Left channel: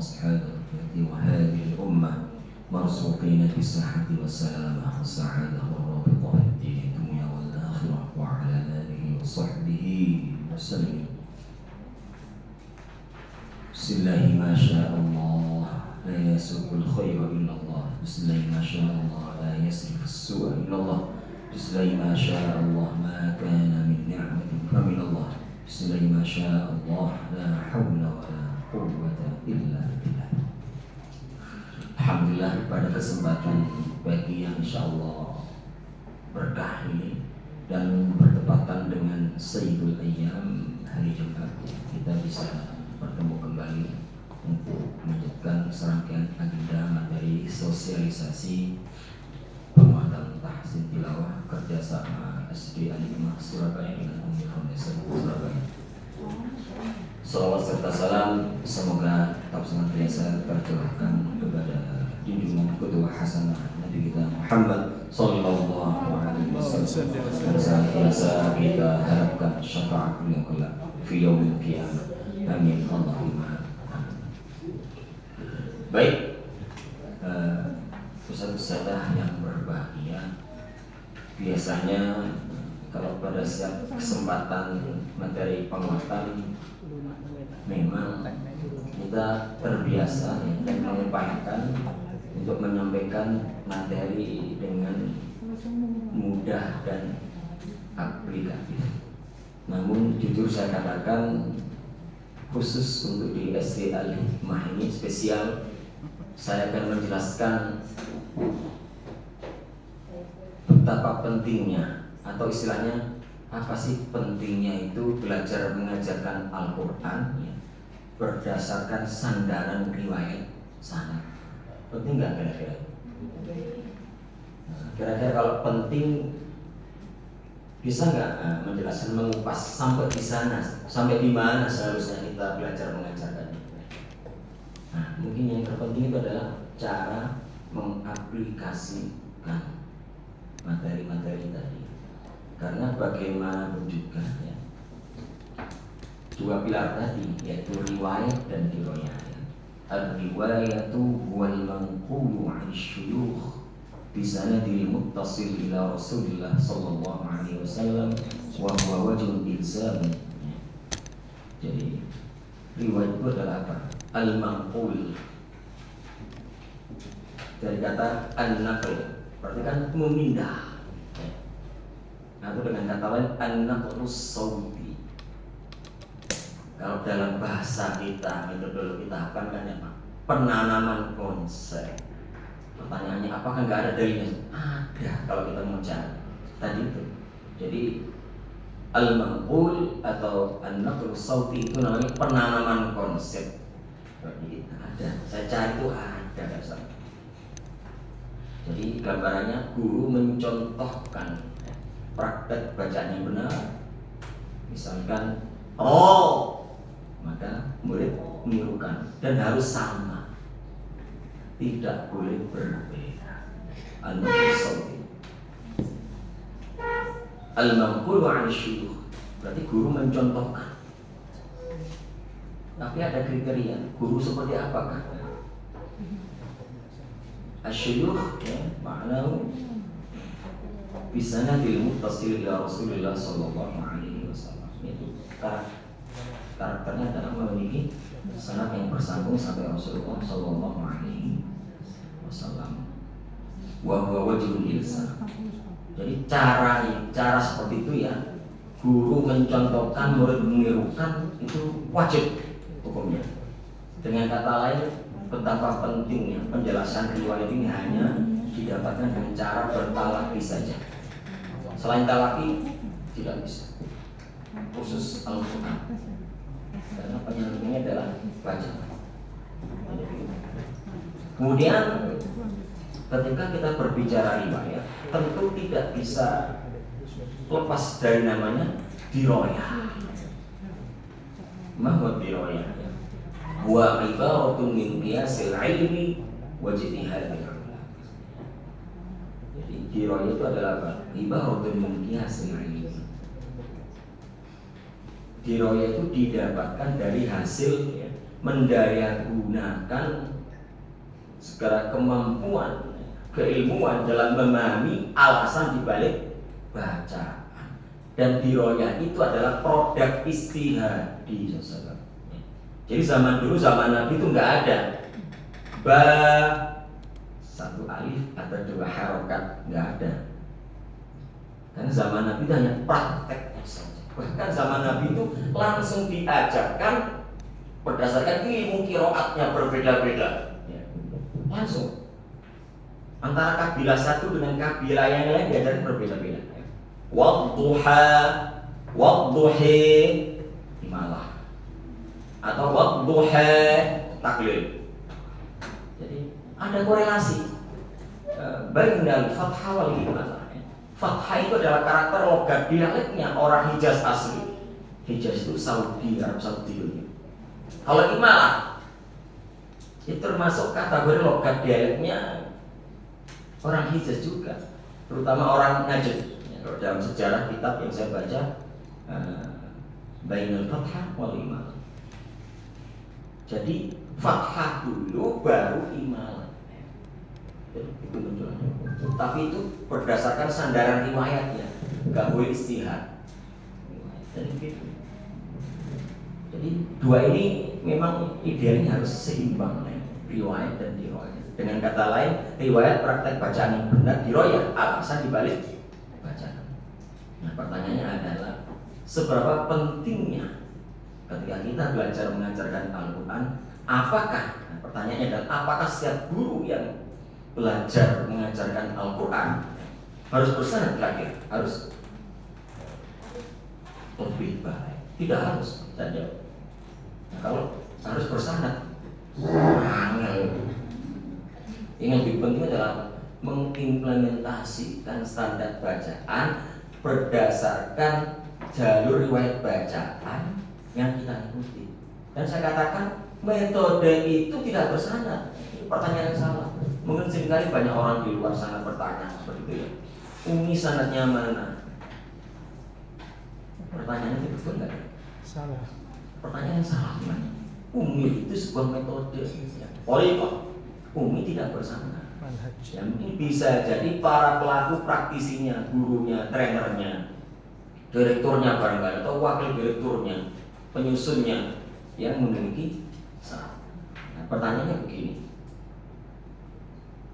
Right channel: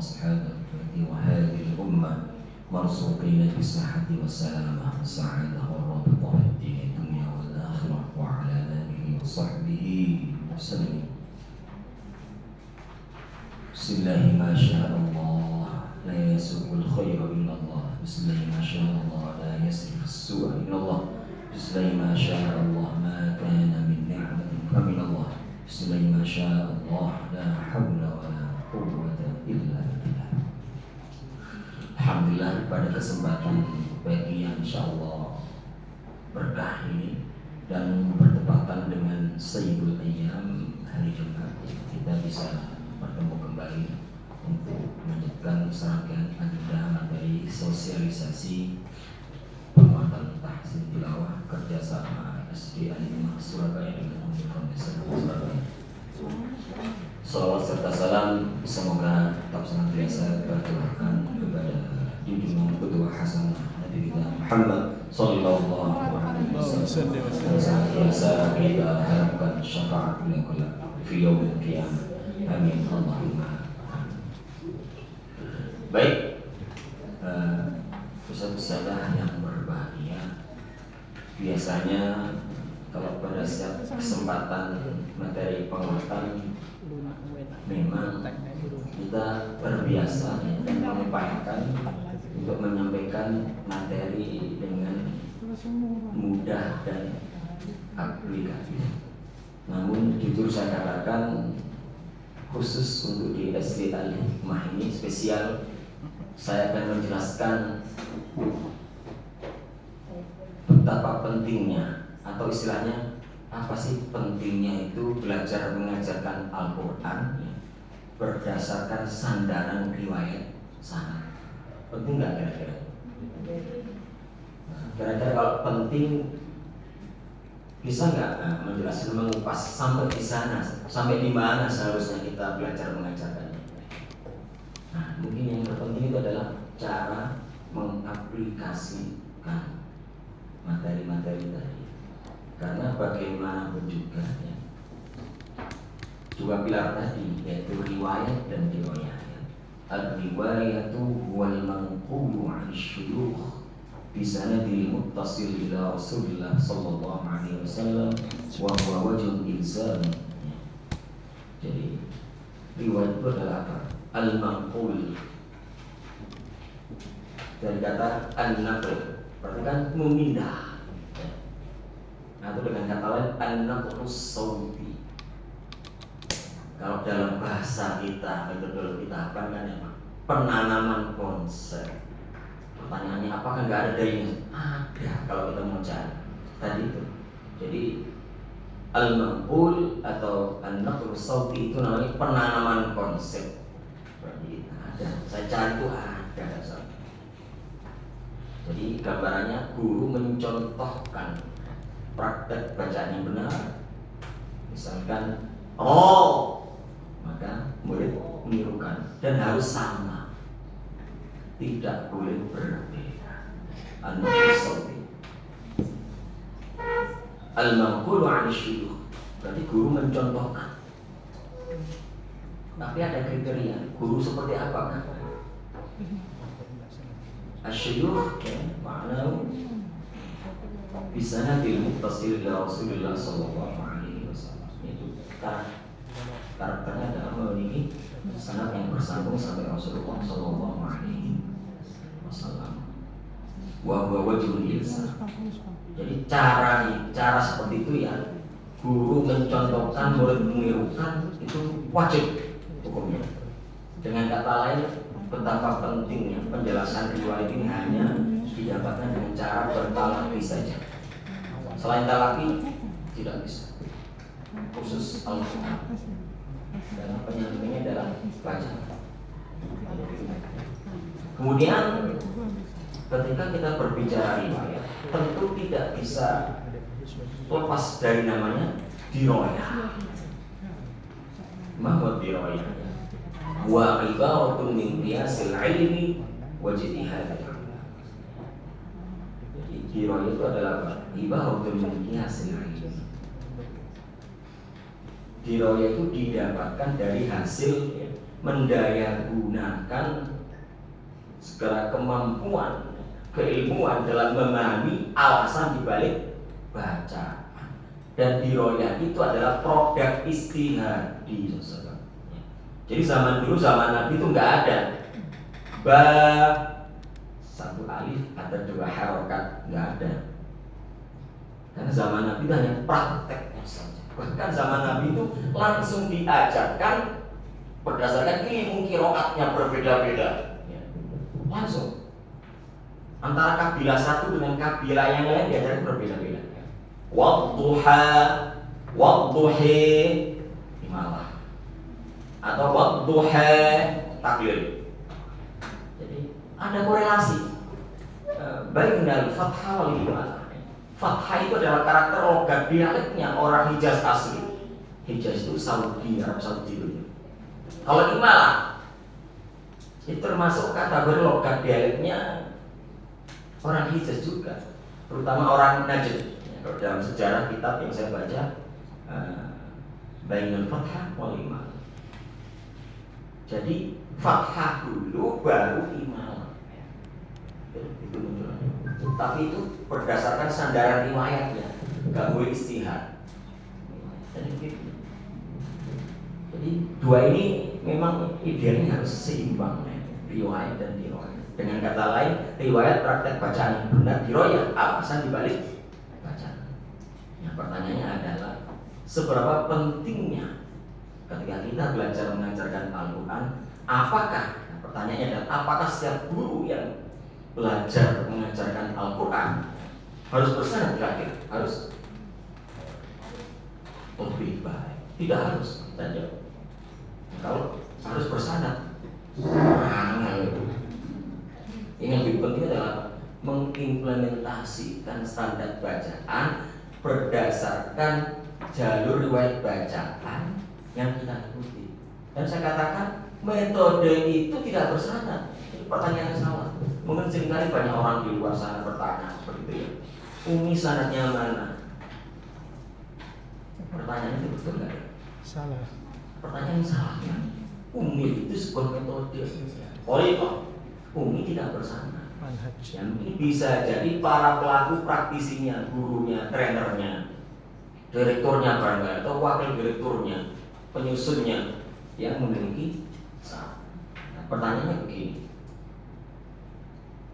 وأصحاب وهذه الأمة مرزوقين بالصحة والسلامة والسعادة والرابطة في الدين الدنيا والآخرة وعلى آله وصحبه وسلم. بسم الله ما شاء الله لا يسوق الخير إلا الله. بسم الله ما شاء الله لا يصرف السوء إلا الله. بسم الله ما شاء الله ما كان من نعمة فمن الله. بسم الله ما شاء الله لا حول ولا قوة إلا بالله. Alhamdulillah, pada kesempatan pagi yang insya Allah berkah ini dan bertepatan dengan Sayyidul Ayyam hari Jumat, kita bisa bertemu kembali untuk melanjutkan serangkaian agenda materi sosialisasi penguatan tahsin tilawah kerjasama SD Al-Hikmah Surabaya dengan Umi Foundation Surabaya. Salawat serta salam semoga tetap senantiasa tercurahkan kepada junjungan kedua hasanah Nabi kita Muhammad sallallahu alaihi wasallam. Senantiasa kita harapkan syafaat beliau kelak fi yaumil qiyamah. Amin Allahumma. Baik, peserta yang berbahagia, biasanya kalau pada setiap kesempatan materi penguatan memang kita terbiasa dan mengupayakan untuk menyampaikan materi dengan mudah dan aplikatif. Namun jujur saya katakan, khusus untuk di SD Al-Hikmah ini spesial, saya akan menjelaskan betapa pentingnya, atau istilahnya apa sih pentingnya itu belajar mengajarkan Al-Quran ya, berdasarkan sandaran riwayat sanad. Penting nggak kira-kira? Nah, kira-kira kalau penting bisa nggak menjelaskan, mengupas sampai di sana, sampai di mana seharusnya kita belajar mengajarkannya? Nah, mungkin yang terpenting itu adalah cara mengaplikasikan materi-materi tadi. Karena bagaimanapun juga ya, dua pilar tadi yaitu riwayat dan riwayat. Al-riwayatu wal manqulu 'an syuyukh bi sanadil muttasil ila Rasulillah sallallahu alaihi wasallam wa huwa wajhul ilzam. Jadi riwayat itu adalah apa? Al-manqul dari kata an-naql, berarti kan memindah. Atau dengan kata lain an-naqlus sauti. Kalau dalam bahasa kita, metodologi kita apa kan ya, penanaman konsep. Pertanyaannya apakah nggak ada dalilnya? Ada kalau kita mau cari tadi itu. Jadi al-manqul atau an-naqlus sauti itu namanya penanaman konsep. Berarti ada. Saya cari itu ada dasar. Jadi gambarannya guru mencontohkan praktek bacaan yang benar. Misalkan maka murid menirukan dan harus sama, tidak boleh berbeda. Al-manqulu 'an syuyukh, berarti guru mencontohkan. Tapi ada kriteria, guru seperti apakah? Asyuyukh ya, makna bisana bil muttasil ila Rasulillah sallallahu alaihi wasallam. Itu karakternya adalah memiliki sanad yang bersambung sampai Rasulullah sallallahu alaihi wasallam. Wa huwa wajhul ilzam. Jadi cara seperti itu ya, guru mencontohkan, murid menirukan, itu wajib hukumnya. Dengan kata lain, betapa pentingnya penjelasan riwayat ini hanya didapatkan dengan cara bertalaqi saja. Selain talaqi tidak bisa. Khusus Al-Quran. Karena penyampainya adalah baca. Kemudian ketika kita berbicara riwayat, tentu tidak bisa lepas dari namanya dirayah. Mahwa dirayah wa ibaratun min qiyasil ilmi wa ijtihadil. Jadi dirayah itu adalah apa? Ibaratun min qiyasil ilmi. Dirayah itu didapatkan dari hasil mendayagunakan segala kemampuan keilmuan dalam memahami alasan dibalik baca. Dan diroyah itu adalah produk istihadi. Jadi zaman dulu, zaman Nabi itu nggak ada ba satu alif atau dua harokat, nggak ada. Karena zaman Nabi itu hanya prakteknya saja. Bahkan zaman Nabi itu langsung diajarkan berdasarkan ilmu qiraatnya berbeda-beda. Langsung antara kabilah satu dengan kabilah yang lain diajarkan berbeda-beda. Wadduha, wadduhi, imalah, atau wadduha taklil. Jadi ada korelasi bainal fathah wal imalah. Fathah itu adalah karakter logat dialeknya orang Hijaz asli. Hijaz itu Saudi, Arab Saudi dulu. Kalau imalah itu termasuk kategori logat dialeknya orang Hijaz juga, terutama orang Najd. Dalam sejarah kitab yang saya baca, bainal fathah wal imalah. Jadi fathah dulu baru imalah. Itu muncul. Tapi itu berdasarkan sandaran riwayatnya, nggak boleh istihad. Jadi gitu. Jadi dua ini memang idealnya harus seimbang, riwayat dan diroyah. Dengan kata lain, riwayat praktek bacaan yang benar, diroyah alasan dibalik bacaan. Nah, pertanyaannya adalah seberapa pentingnya ketika kita belajar mengajarkan Al-Quran? Apakah? Nah, pertanyaannya adalah apakah setiap guru yang belajar mengajarkan Al-Quran harus bersanad terakhir? Harus lebih baik? Tidak harus saja. Nah, kalau harus bersanad, yang lebih penting adalah mengimplementasikan standar bacaan berdasarkan jalur riwayat bacaan yang kita ikuti. Dan saya katakan metode itu tidak bersanad. Ini pertanyaan yang salah. Mungkin seringkali banyak orang di luar sana bertanya seperti itu ya. Umi sanadnya mana? Pertanyaannya itu betul nggak? Salah. Pertanyaan yang salah ya. Umi itu sebuah metode. Oleh itu, Umi tidak bersanad. Yang ini bisa jadi para pelaku praktisinya, gurunya, trenernya, direkturnya barangkali atau wakil direkturnya, penyusunnya yang memiliki salah. Nah, pertanyaannya begini.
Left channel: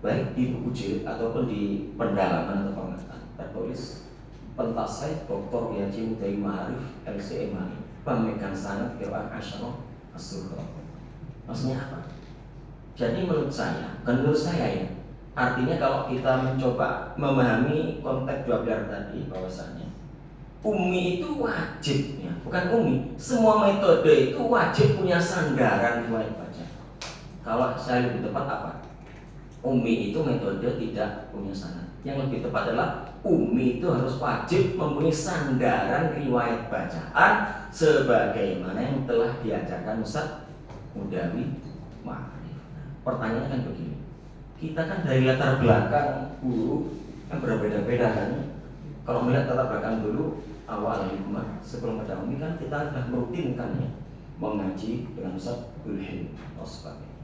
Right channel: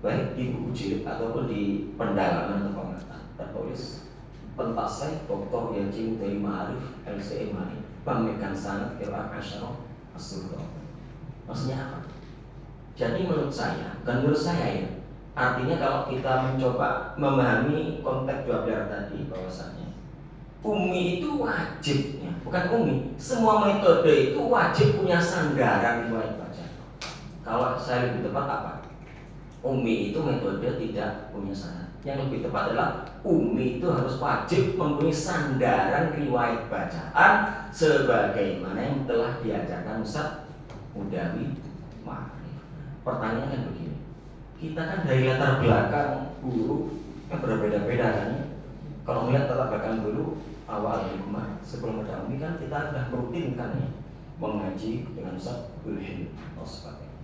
Baik di buku jilid ataupun di pendalaman atau pengataan tertulis pentasai Dr. Yaji Udai Ma'arif LCM pemegang sanad Qira'ah Asyarah As-Surah. Maksudnya apa? Jadi menurut saya ya, artinya kalau kita mencoba memahami konteks dua pilar tadi bahwasanya Umi itu wajib ya, bukan Umi, semua metode itu wajib punya sandaran riwayat baca. Kalau saya lebih tepat apa? Umi itu metode tidak punya sanad. Yang lebih tepat adalah Umi itu harus wajib mempunyai sandaran riwayat bacaan sebagaimana yang telah diajarkan Ustaz Mudawi Ma'arif. Pertanyaannya kan begini, kita kan dari latar belakang guru yang berbeda-beda kan. Kalau melihat latar belakang dulu awal hikmah sebelum ada Umi kan kita sudah merutinkan ya, mengaji dengan Ustaz Ulhim atau sebagainya.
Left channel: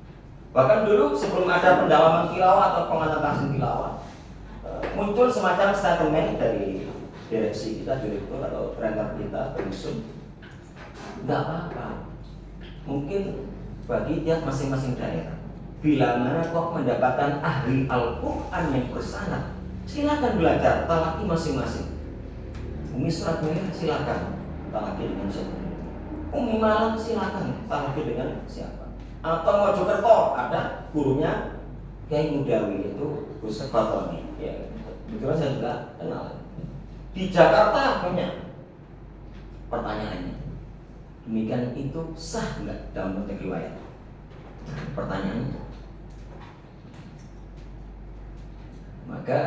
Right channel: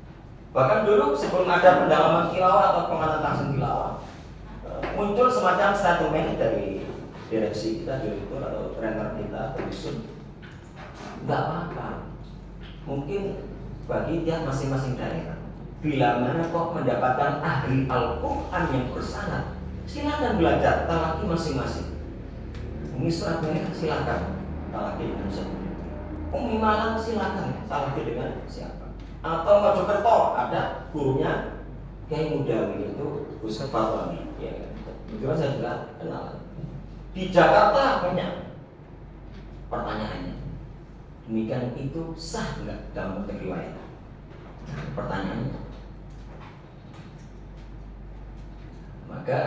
Bahkan dulu sebelum ada pendalaman tilawah atau pemanasan tahsin tilawah, muncul semacam statement dari direksi kita, direktur atau trainer kita, penyusun. Tidak apa-apa, mungkin bagi tiap masing-masing daerah, bila mana kok mendapatkan ahli Al-Quran yang bersanad, silakan belajar talaki masing-masing. Umi Surat Merah silakan talaki dengan siapa? Umi Malang silakan talaki dengan siapa? Atau Mojokerto ada gurunya Kiai Mudawi itu Gus Fatoni. Ya, itu saya juga kenal. Di Jakarta punya. Pertanyaannya, demikian itu sah nggak dalam konteks riwayat? Pertanyaannya. Maka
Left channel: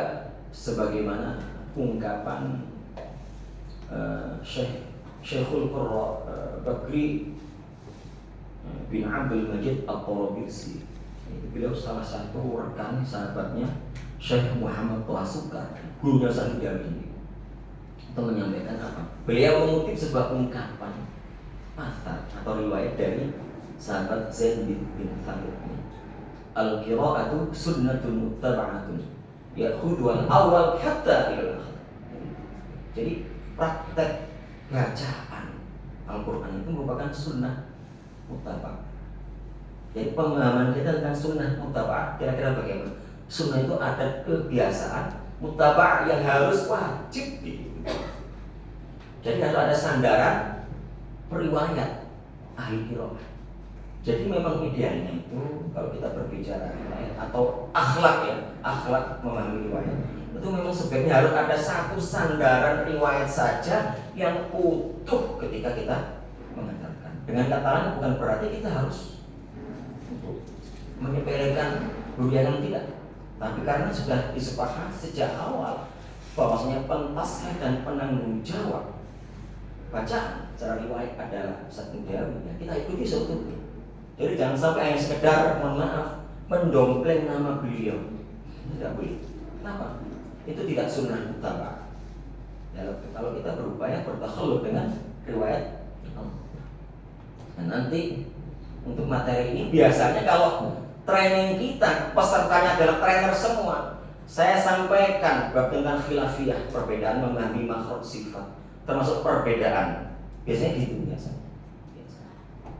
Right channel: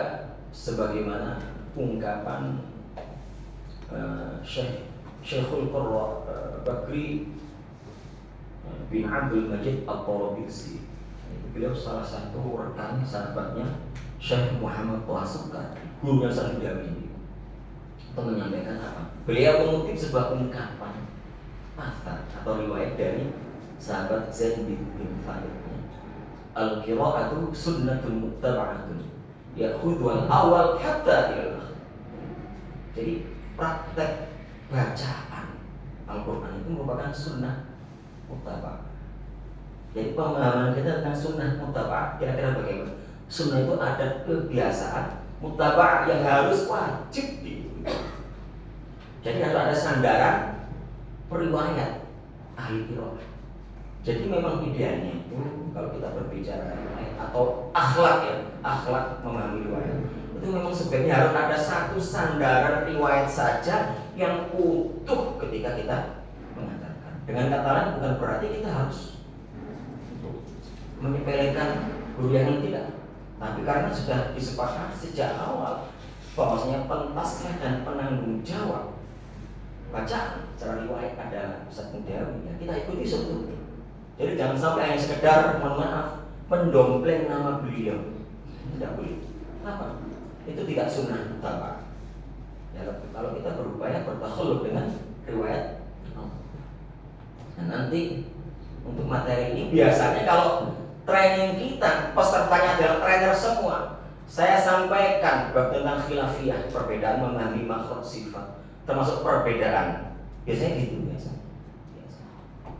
sebagaimana ungkapan Syekhul Qurra Bakri bin Abdul Majid At-Tarabisi, itu beliau salah satu rekan sahabatnya Syekh Muhammad Wasukar, gurunya Syekh Mudawi, itu menyampaikan apa? Beliau mengutip sebuah ungkapan atau riwayat dari sahabat Zaid bin Thabit. Al-qira'atu sunnatun muttaba'atun ya'khudhu al-awwal hatta ila al-akhir. Jadi praktek bacaan Al-Quran itu merupakan sunnah muttaba'ah. Jadi pemahaman kita tentang sunnah muttaba'ah kira-kira bagaimana? Sunnah itu ada kebiasaan, muttaba'ah yang harus wajib diikuti. Jadi harus ada sandaran periwayat ahli qiraah. Jadi memang idealnya itu kalau kita berbicara atau akhlak ya, akhlak memahami riwayat itu memang sebenarnya harus ada satu sandaran riwayat saja yang utuh ketika kita mengatakan. Dengan kata lain bukan berarti kita harus menyepelekan yang tidak, tapi karena sudah disepakati sejak awal bahwasanya pentaslah dan penanggung jawab bacaan secara riwayat adalah satu ya kita ikuti sebetulnya. Jadi jangan sampai hanya sekedar mohon maaf mendompleng nama beliau, tidak boleh. Apa? Itu tidak sunnah muttaba'ah. Ya, kalau kita berupaya bertakhalluf dengan riwayat. Dan nanti untuk materi ini biasanya kalau training kita pesertanya adalah trainer semua, saya sampaikan bab tentang khilafiyah, perbedaan memahami makhraj sifat, termasuk perbedaan. Biasanya gitu biasa.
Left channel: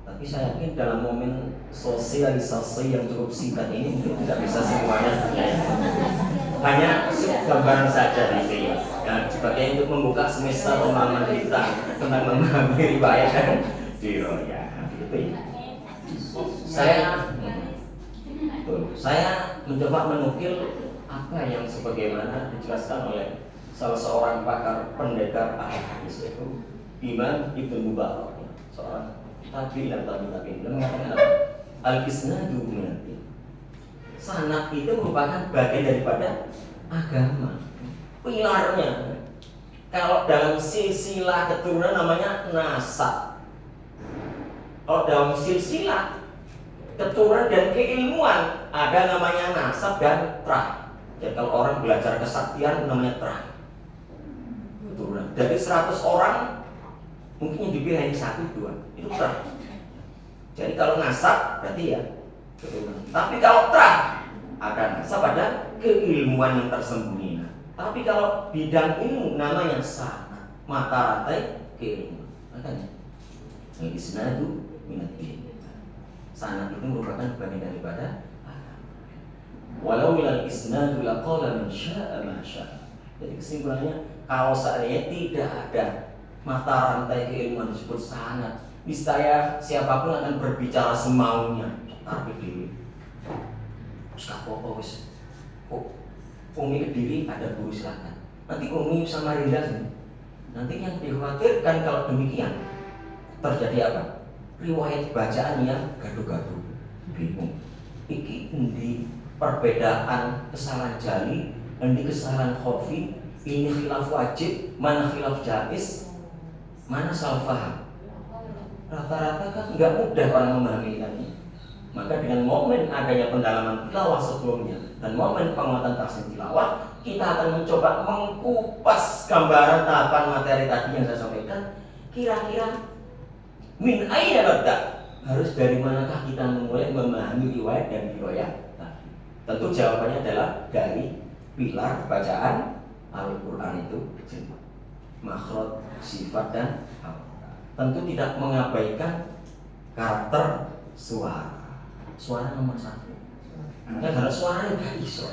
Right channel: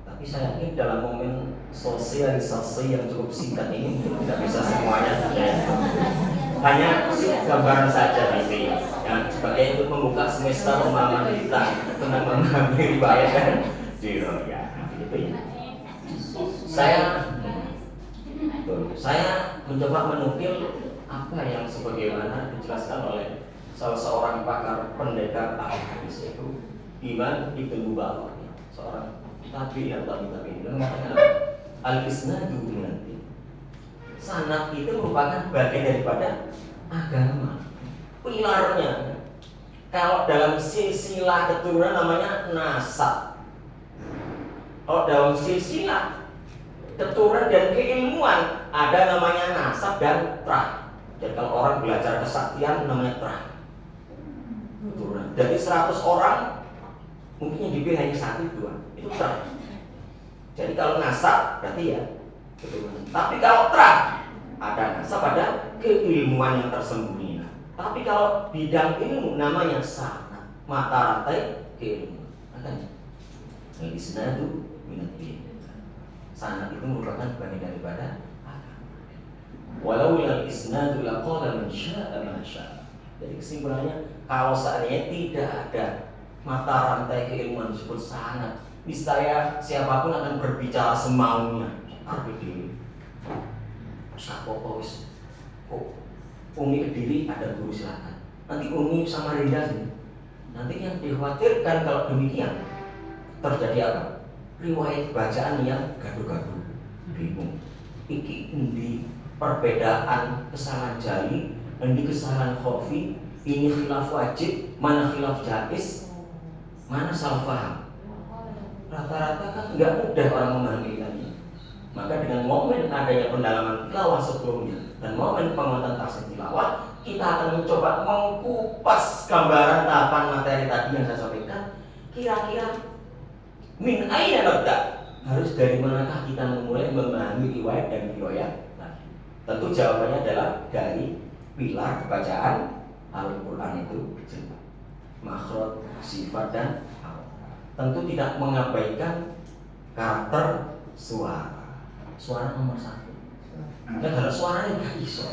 Tapi saya yakin dalam momen sosialisasi yang cukup singkat ini mungkin tidak bisa semuanya saya. Hanya gambaran saja di sini. Ya, sebagai untuk membuka semesta pemahaman kita tentang memahami riwayat dan riwayat. Gitu. Saya mencoba menukil apa yang sebagaimana dijelaskan oleh salah seorang pakar pendekar ahadis yaitu Imam Ibnu Mubarak, seorang tabi'in mengatakan al-isnadu min. Sanad itu merupakan bagian daripada agama, pilarnya. Kalau dalam silsilah keturunan namanya nasab. Kalau dalam silsilah keturunan dan keilmuan ada namanya nasab dan trah. Jadi kalau orang belajar kesaktian namanya trah. Keturunan. Dari 100 orang mungkin yang dipilih hanya 1-2 itu trah. Jadi kalau nasab berarti ya keturunan. Tapi kalau trah ada nasab, ada keilmuan yang tersembunyi. Tapi kalau bidang ilmu namanya sanad, mata rantai keilmuan. Makanya isnadu minad-din. Sanad itu merupakan bagian daripada agama. Walau ilal isnadu laqala man syaa ma syaa. Jadi kesimpulannya kalau seandainya tidak ada mata rantai keilmuan disebut sanad, niscaya siapapun akan berbicara semaunya. Tapi diri apa wis Umi Kediri ada guru silakan. Nanti Umi Samarinda sini. Nanti yang dikhawatirkan kalau demikian terjadi apa? Riwayat bacaan yang gaduh-gaduh, bingung. Iki endi perbedaan kesalahan jali, endi kesalahan khafi, ini khilaf wajib, mana khilaf jaiz, mana salah paham. Rata-rata kan nggak mudah orang memahami ini. Maka dengan momen adanya pendalaman tilawah sebelumnya dan momen penguatan tahsin tilawah, kita akan mencoba mengkupas gambaran tahapan materi tadi yang saya sampaikan. Kira-kira min aina nabda, harus dari manakah kita memulai memahami riwayat dan riwayat? Tentu jawabannya adalah dari pilar bacaan Al-Quran itu, makhraj, sifat dan tentu tidak mengabaikan karakter suara. Suara nomor 1. Kan ada suaranya gak iso.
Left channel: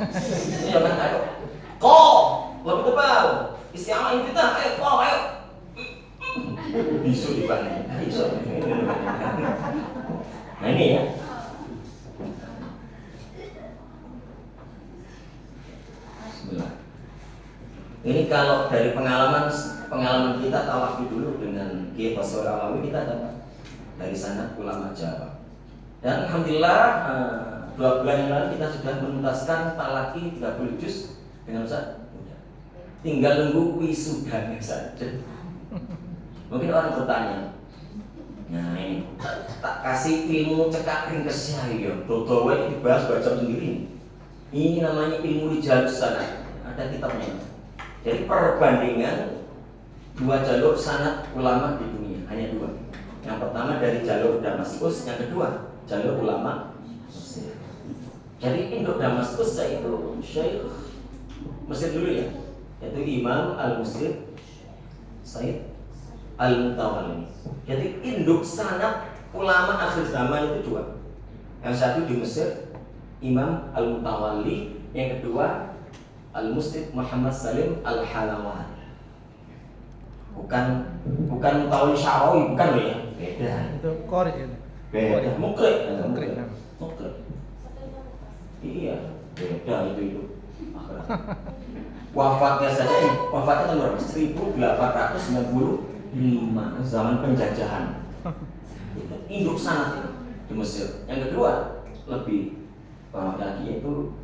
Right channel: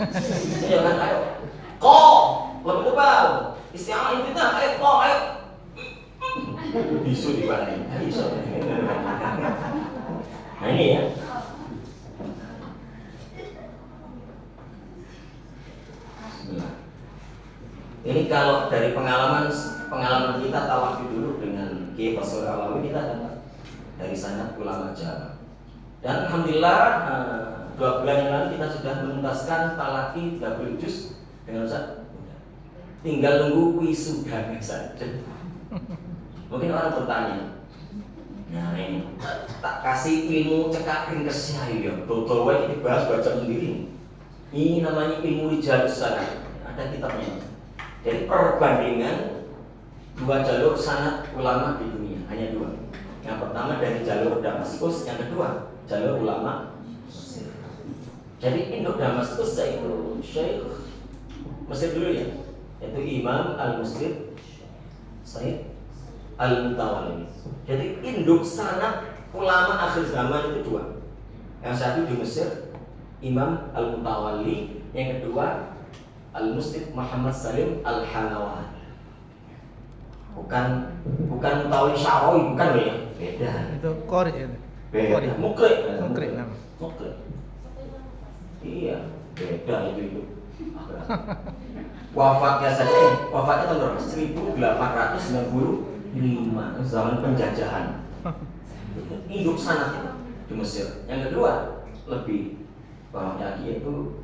Ya kan ayo. Kok lebih tebal. Isti'alah kita ayo kok ayo. Bisu dibalik. Iso. Nah ini ya. Bismillah. Ini kalau dari pengalaman kita tawafud dulu dengan Kiai Basir Alawi, kita dapat dari sanad ulama Jawa. Dan alhamdulillah 2 bulan yang lalu kita sudah menuntaskan talaki 30 juz dengan Ustaz. Tinggal nunggu wisudanya saja. Mungkin orang bertanya, nah ini tak kasih ilmu cekak ringkes saya, Dr. White dibahas baca sendiri. Ini namanya ilmu rijalus sanad. Ada kitabnya. Jadi perbandingan 2 jalur sanad ulama di dunia, hanya 2. Yang pertama dari jalur Damaskus, yang kedua jalur ulama Mesir. Jadi induk Damaskus yaitu Syekh Mesir dulu ya, yaitu Imam Al-Muslim Said Al-Mutawalli. Jadi induk sanad ulama akhir zaman itu dua. Yang satu di Mesir Imam Al-Mutawalli, yang kedua Al-Muslim Muhammad Salim Al-Halawan. Bukan Mutawalli Syarawi, bukan ya? Beda. Itu qori ya. Beda. Mukri. Mukri. Iya, beda itu. Wafatnya saja, wafatnya tahun berapa? 1895, zaman penjajahan. Itu induk sanad itu di Mesir. Yang kedua lebih paham lagi yaitu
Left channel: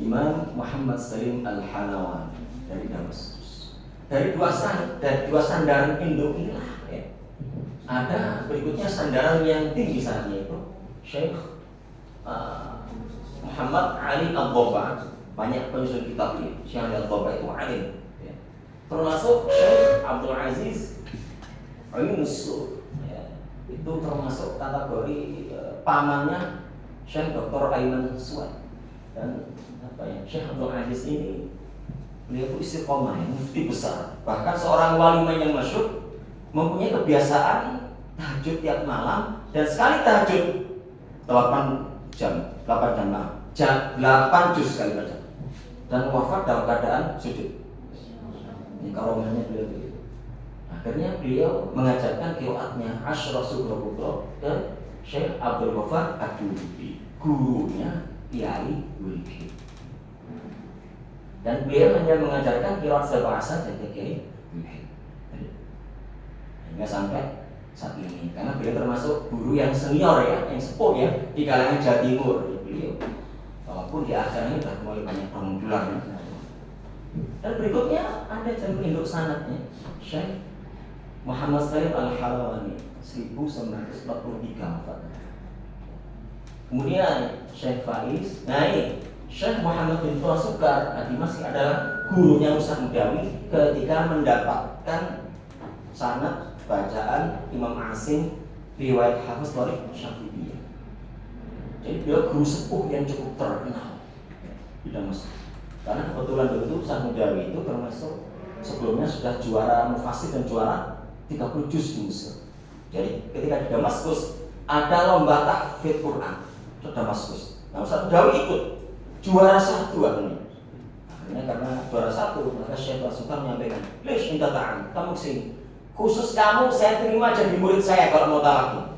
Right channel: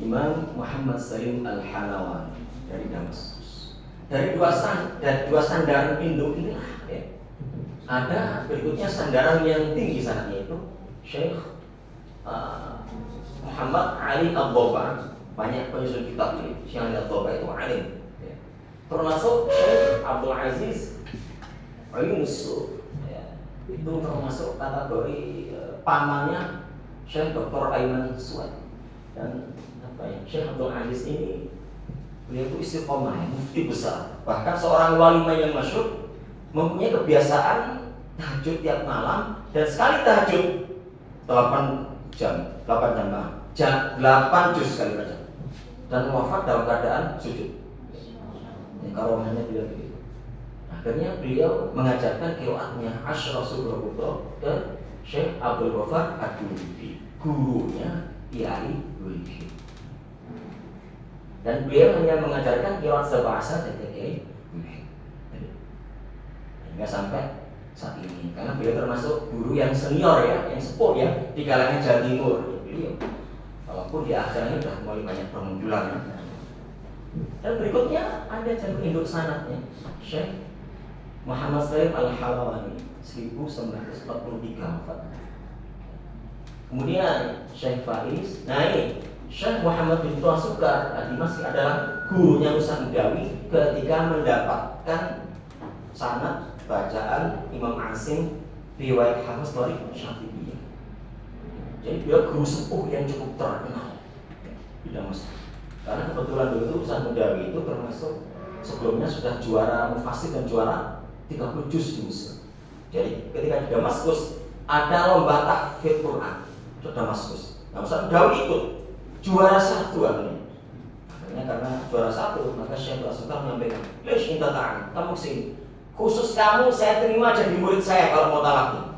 Imam Muhammad Salim Al-Halawan dari Damaskus. Dari dua sandaran induk inilah ya. Ada berikutnya sandaran yang tinggi sanadnya itu Syekh Muhammad Ali Abdullah. Banyak penyusun kitab ini. Syekh Ali Abdullah itu alim ya. Termasuk Syekh Abdul Aziz Al-Musul ya. Itu termasuk kategori pamannya Syekh Dr. Aiman Suwad. Dan Syekh Abdul Aziz ini beliau itu istiqomah, mufti besar. Bahkan seorang wali yang masyhur mempunyai kebiasaan tahajud tiap malam, dan sekali tahajud 8 juz sekali baca, dan wafat dalam keadaan sujud. Ini karomahnya beliau begitu. Akhirnya beliau mengajarkan qiraatnya Asyraf Surah Putra ke Syekh Abdul Ghaffar Ad-Dulibi, gurunya Kiai Dulibi. Dan beliau hanya mengajarkan qiraat sebahasa dan Kiai Dulibi. Hingga sampai saat ini, karena beliau termasuk guru yang senior ya, yang sepuh ya di kalangan Jawa Timur ya, beliau. Walaupun di akhirnya sudah mulai banyak permunculan. Dan berikutnya ada jalur induk sanadnya Syekh Muhammad Salim Al-Halawani 1943 wafat. Kemudian Syekh Faiz, nah ini Syekh Muhammad bin Tua Sukar Ad-Dimashqi adalah gurunya Musa Mudawi ketika mendapatkan sanad bacaan Imam Asim riwayat Hafiz dari Syafi'iyah. Jadi dia guru sepuh yang cukup terkenal di Damaskus. Karena kebetulan dulu itu Musa Mudawi itu termasuk sebelumnya sudah juara mufasir dan juara 30 juz di Mesir. Jadi ketika di Damaskus ada lomba tahfidz Quran di Damaskus. Nah, Musa Mudawi ikut juara 1 akhirnya. Akhirnya karena juara 1 maka Syekh Suka menyampaikan, "Lish inta ta'an, kamu sini. Khusus kamu saya terima jadi murid saya kalau mau talaki."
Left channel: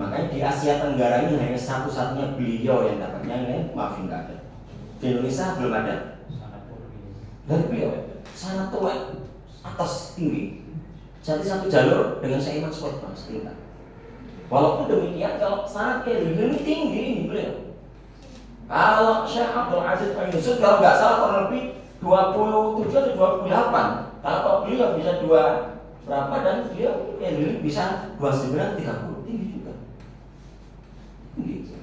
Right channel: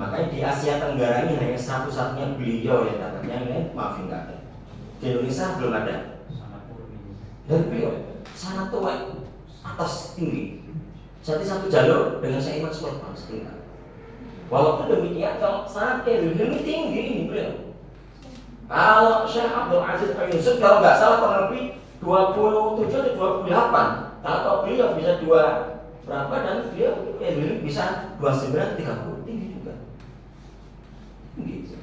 Makanya di Asia Tenggara ini hanya satu-satunya beliau yang dapatnya, ya, maafin kakek. Di Indonesia belum ada. Dan beliau sangat tua, atas tinggi. Jadi satu jalur dengan Syekh Iman Suwad setingkat. Walaupun demikian, kalau sangat kayak ini tinggi ini beliau. Kalau Syekh Abdul Aziz Al-Yusuf kalau nggak salah kurang lebih 27 atau 28. Kalau beliau bisa berapa dan beliau kayak dulu bisa 29, 30, tinggi juga. Gitu.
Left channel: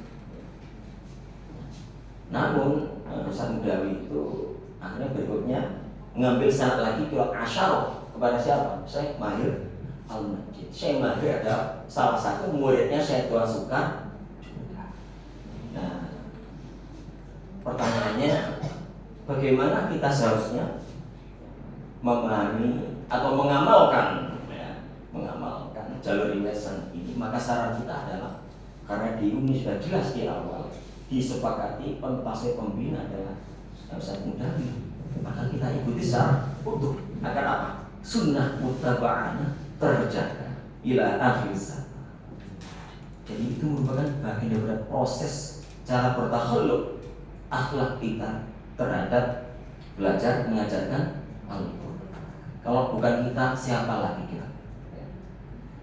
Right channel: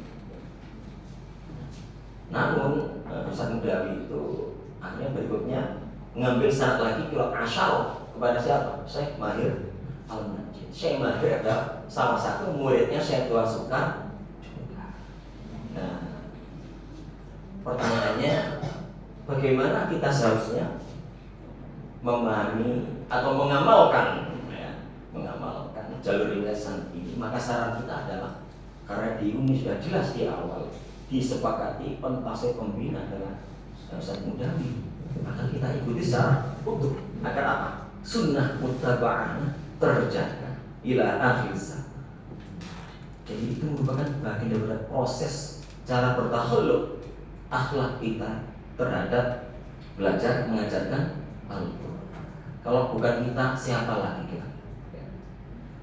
Namun Ustaz Mudawi itu akhirnya berikutnya mengambil sanad lagi qiraat asyar kepada siapa? Syekh Mahir Al-Majid. Syekh Mahir adalah salah satu muridnya Syekh Tua Sukar. Nah, pertanyaannya bagaimana kita seharusnya memahami atau mengamalkan jalur riwayat ini? Maka saran kita adalah, karena di Umi sudah jelas di awal disepakati pentasawuf pembina adalah Ustaz Mudawi, maka kita ikuti secara utuh agar apa? Sunnah muttaba'ah terjaga ila akhir zaman. Jadi itu merupakan bagian dari proses cara bertakhalluk akhlak kita terhadap belajar mengajarkan Al-Quran. Kalau bukan kita, siapa lagi kita?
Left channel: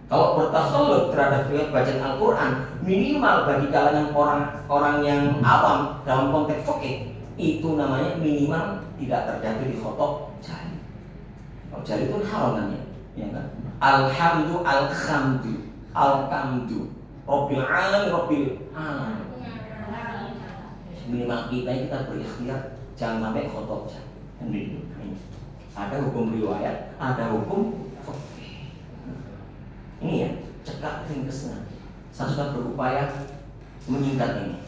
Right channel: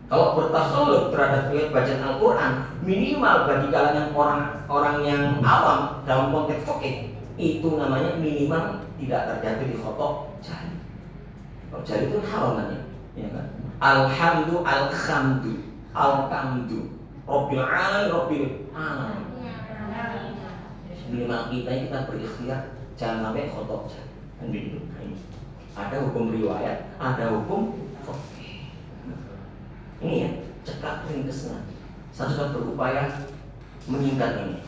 Kalau bertakhalluk terhadap bacaan Al-Quran, minimal bagi kalangan orang yang awam dalam konteks fikih, itu namanya minimal tidak terjatuh di khotok jari. Kalau jari itu haram namanya, ya kan? Alhamdu, alhamdu, alhamdu, Rabbil alamin, Rabbil alamin. Minimal kita berikhtiar jangan sampai khotok jari. Gitu. Ada hukum riwayat, ada hukum fikih. Ini ya, cekak ringkesnya. Saya sudah berupaya meningkat ini.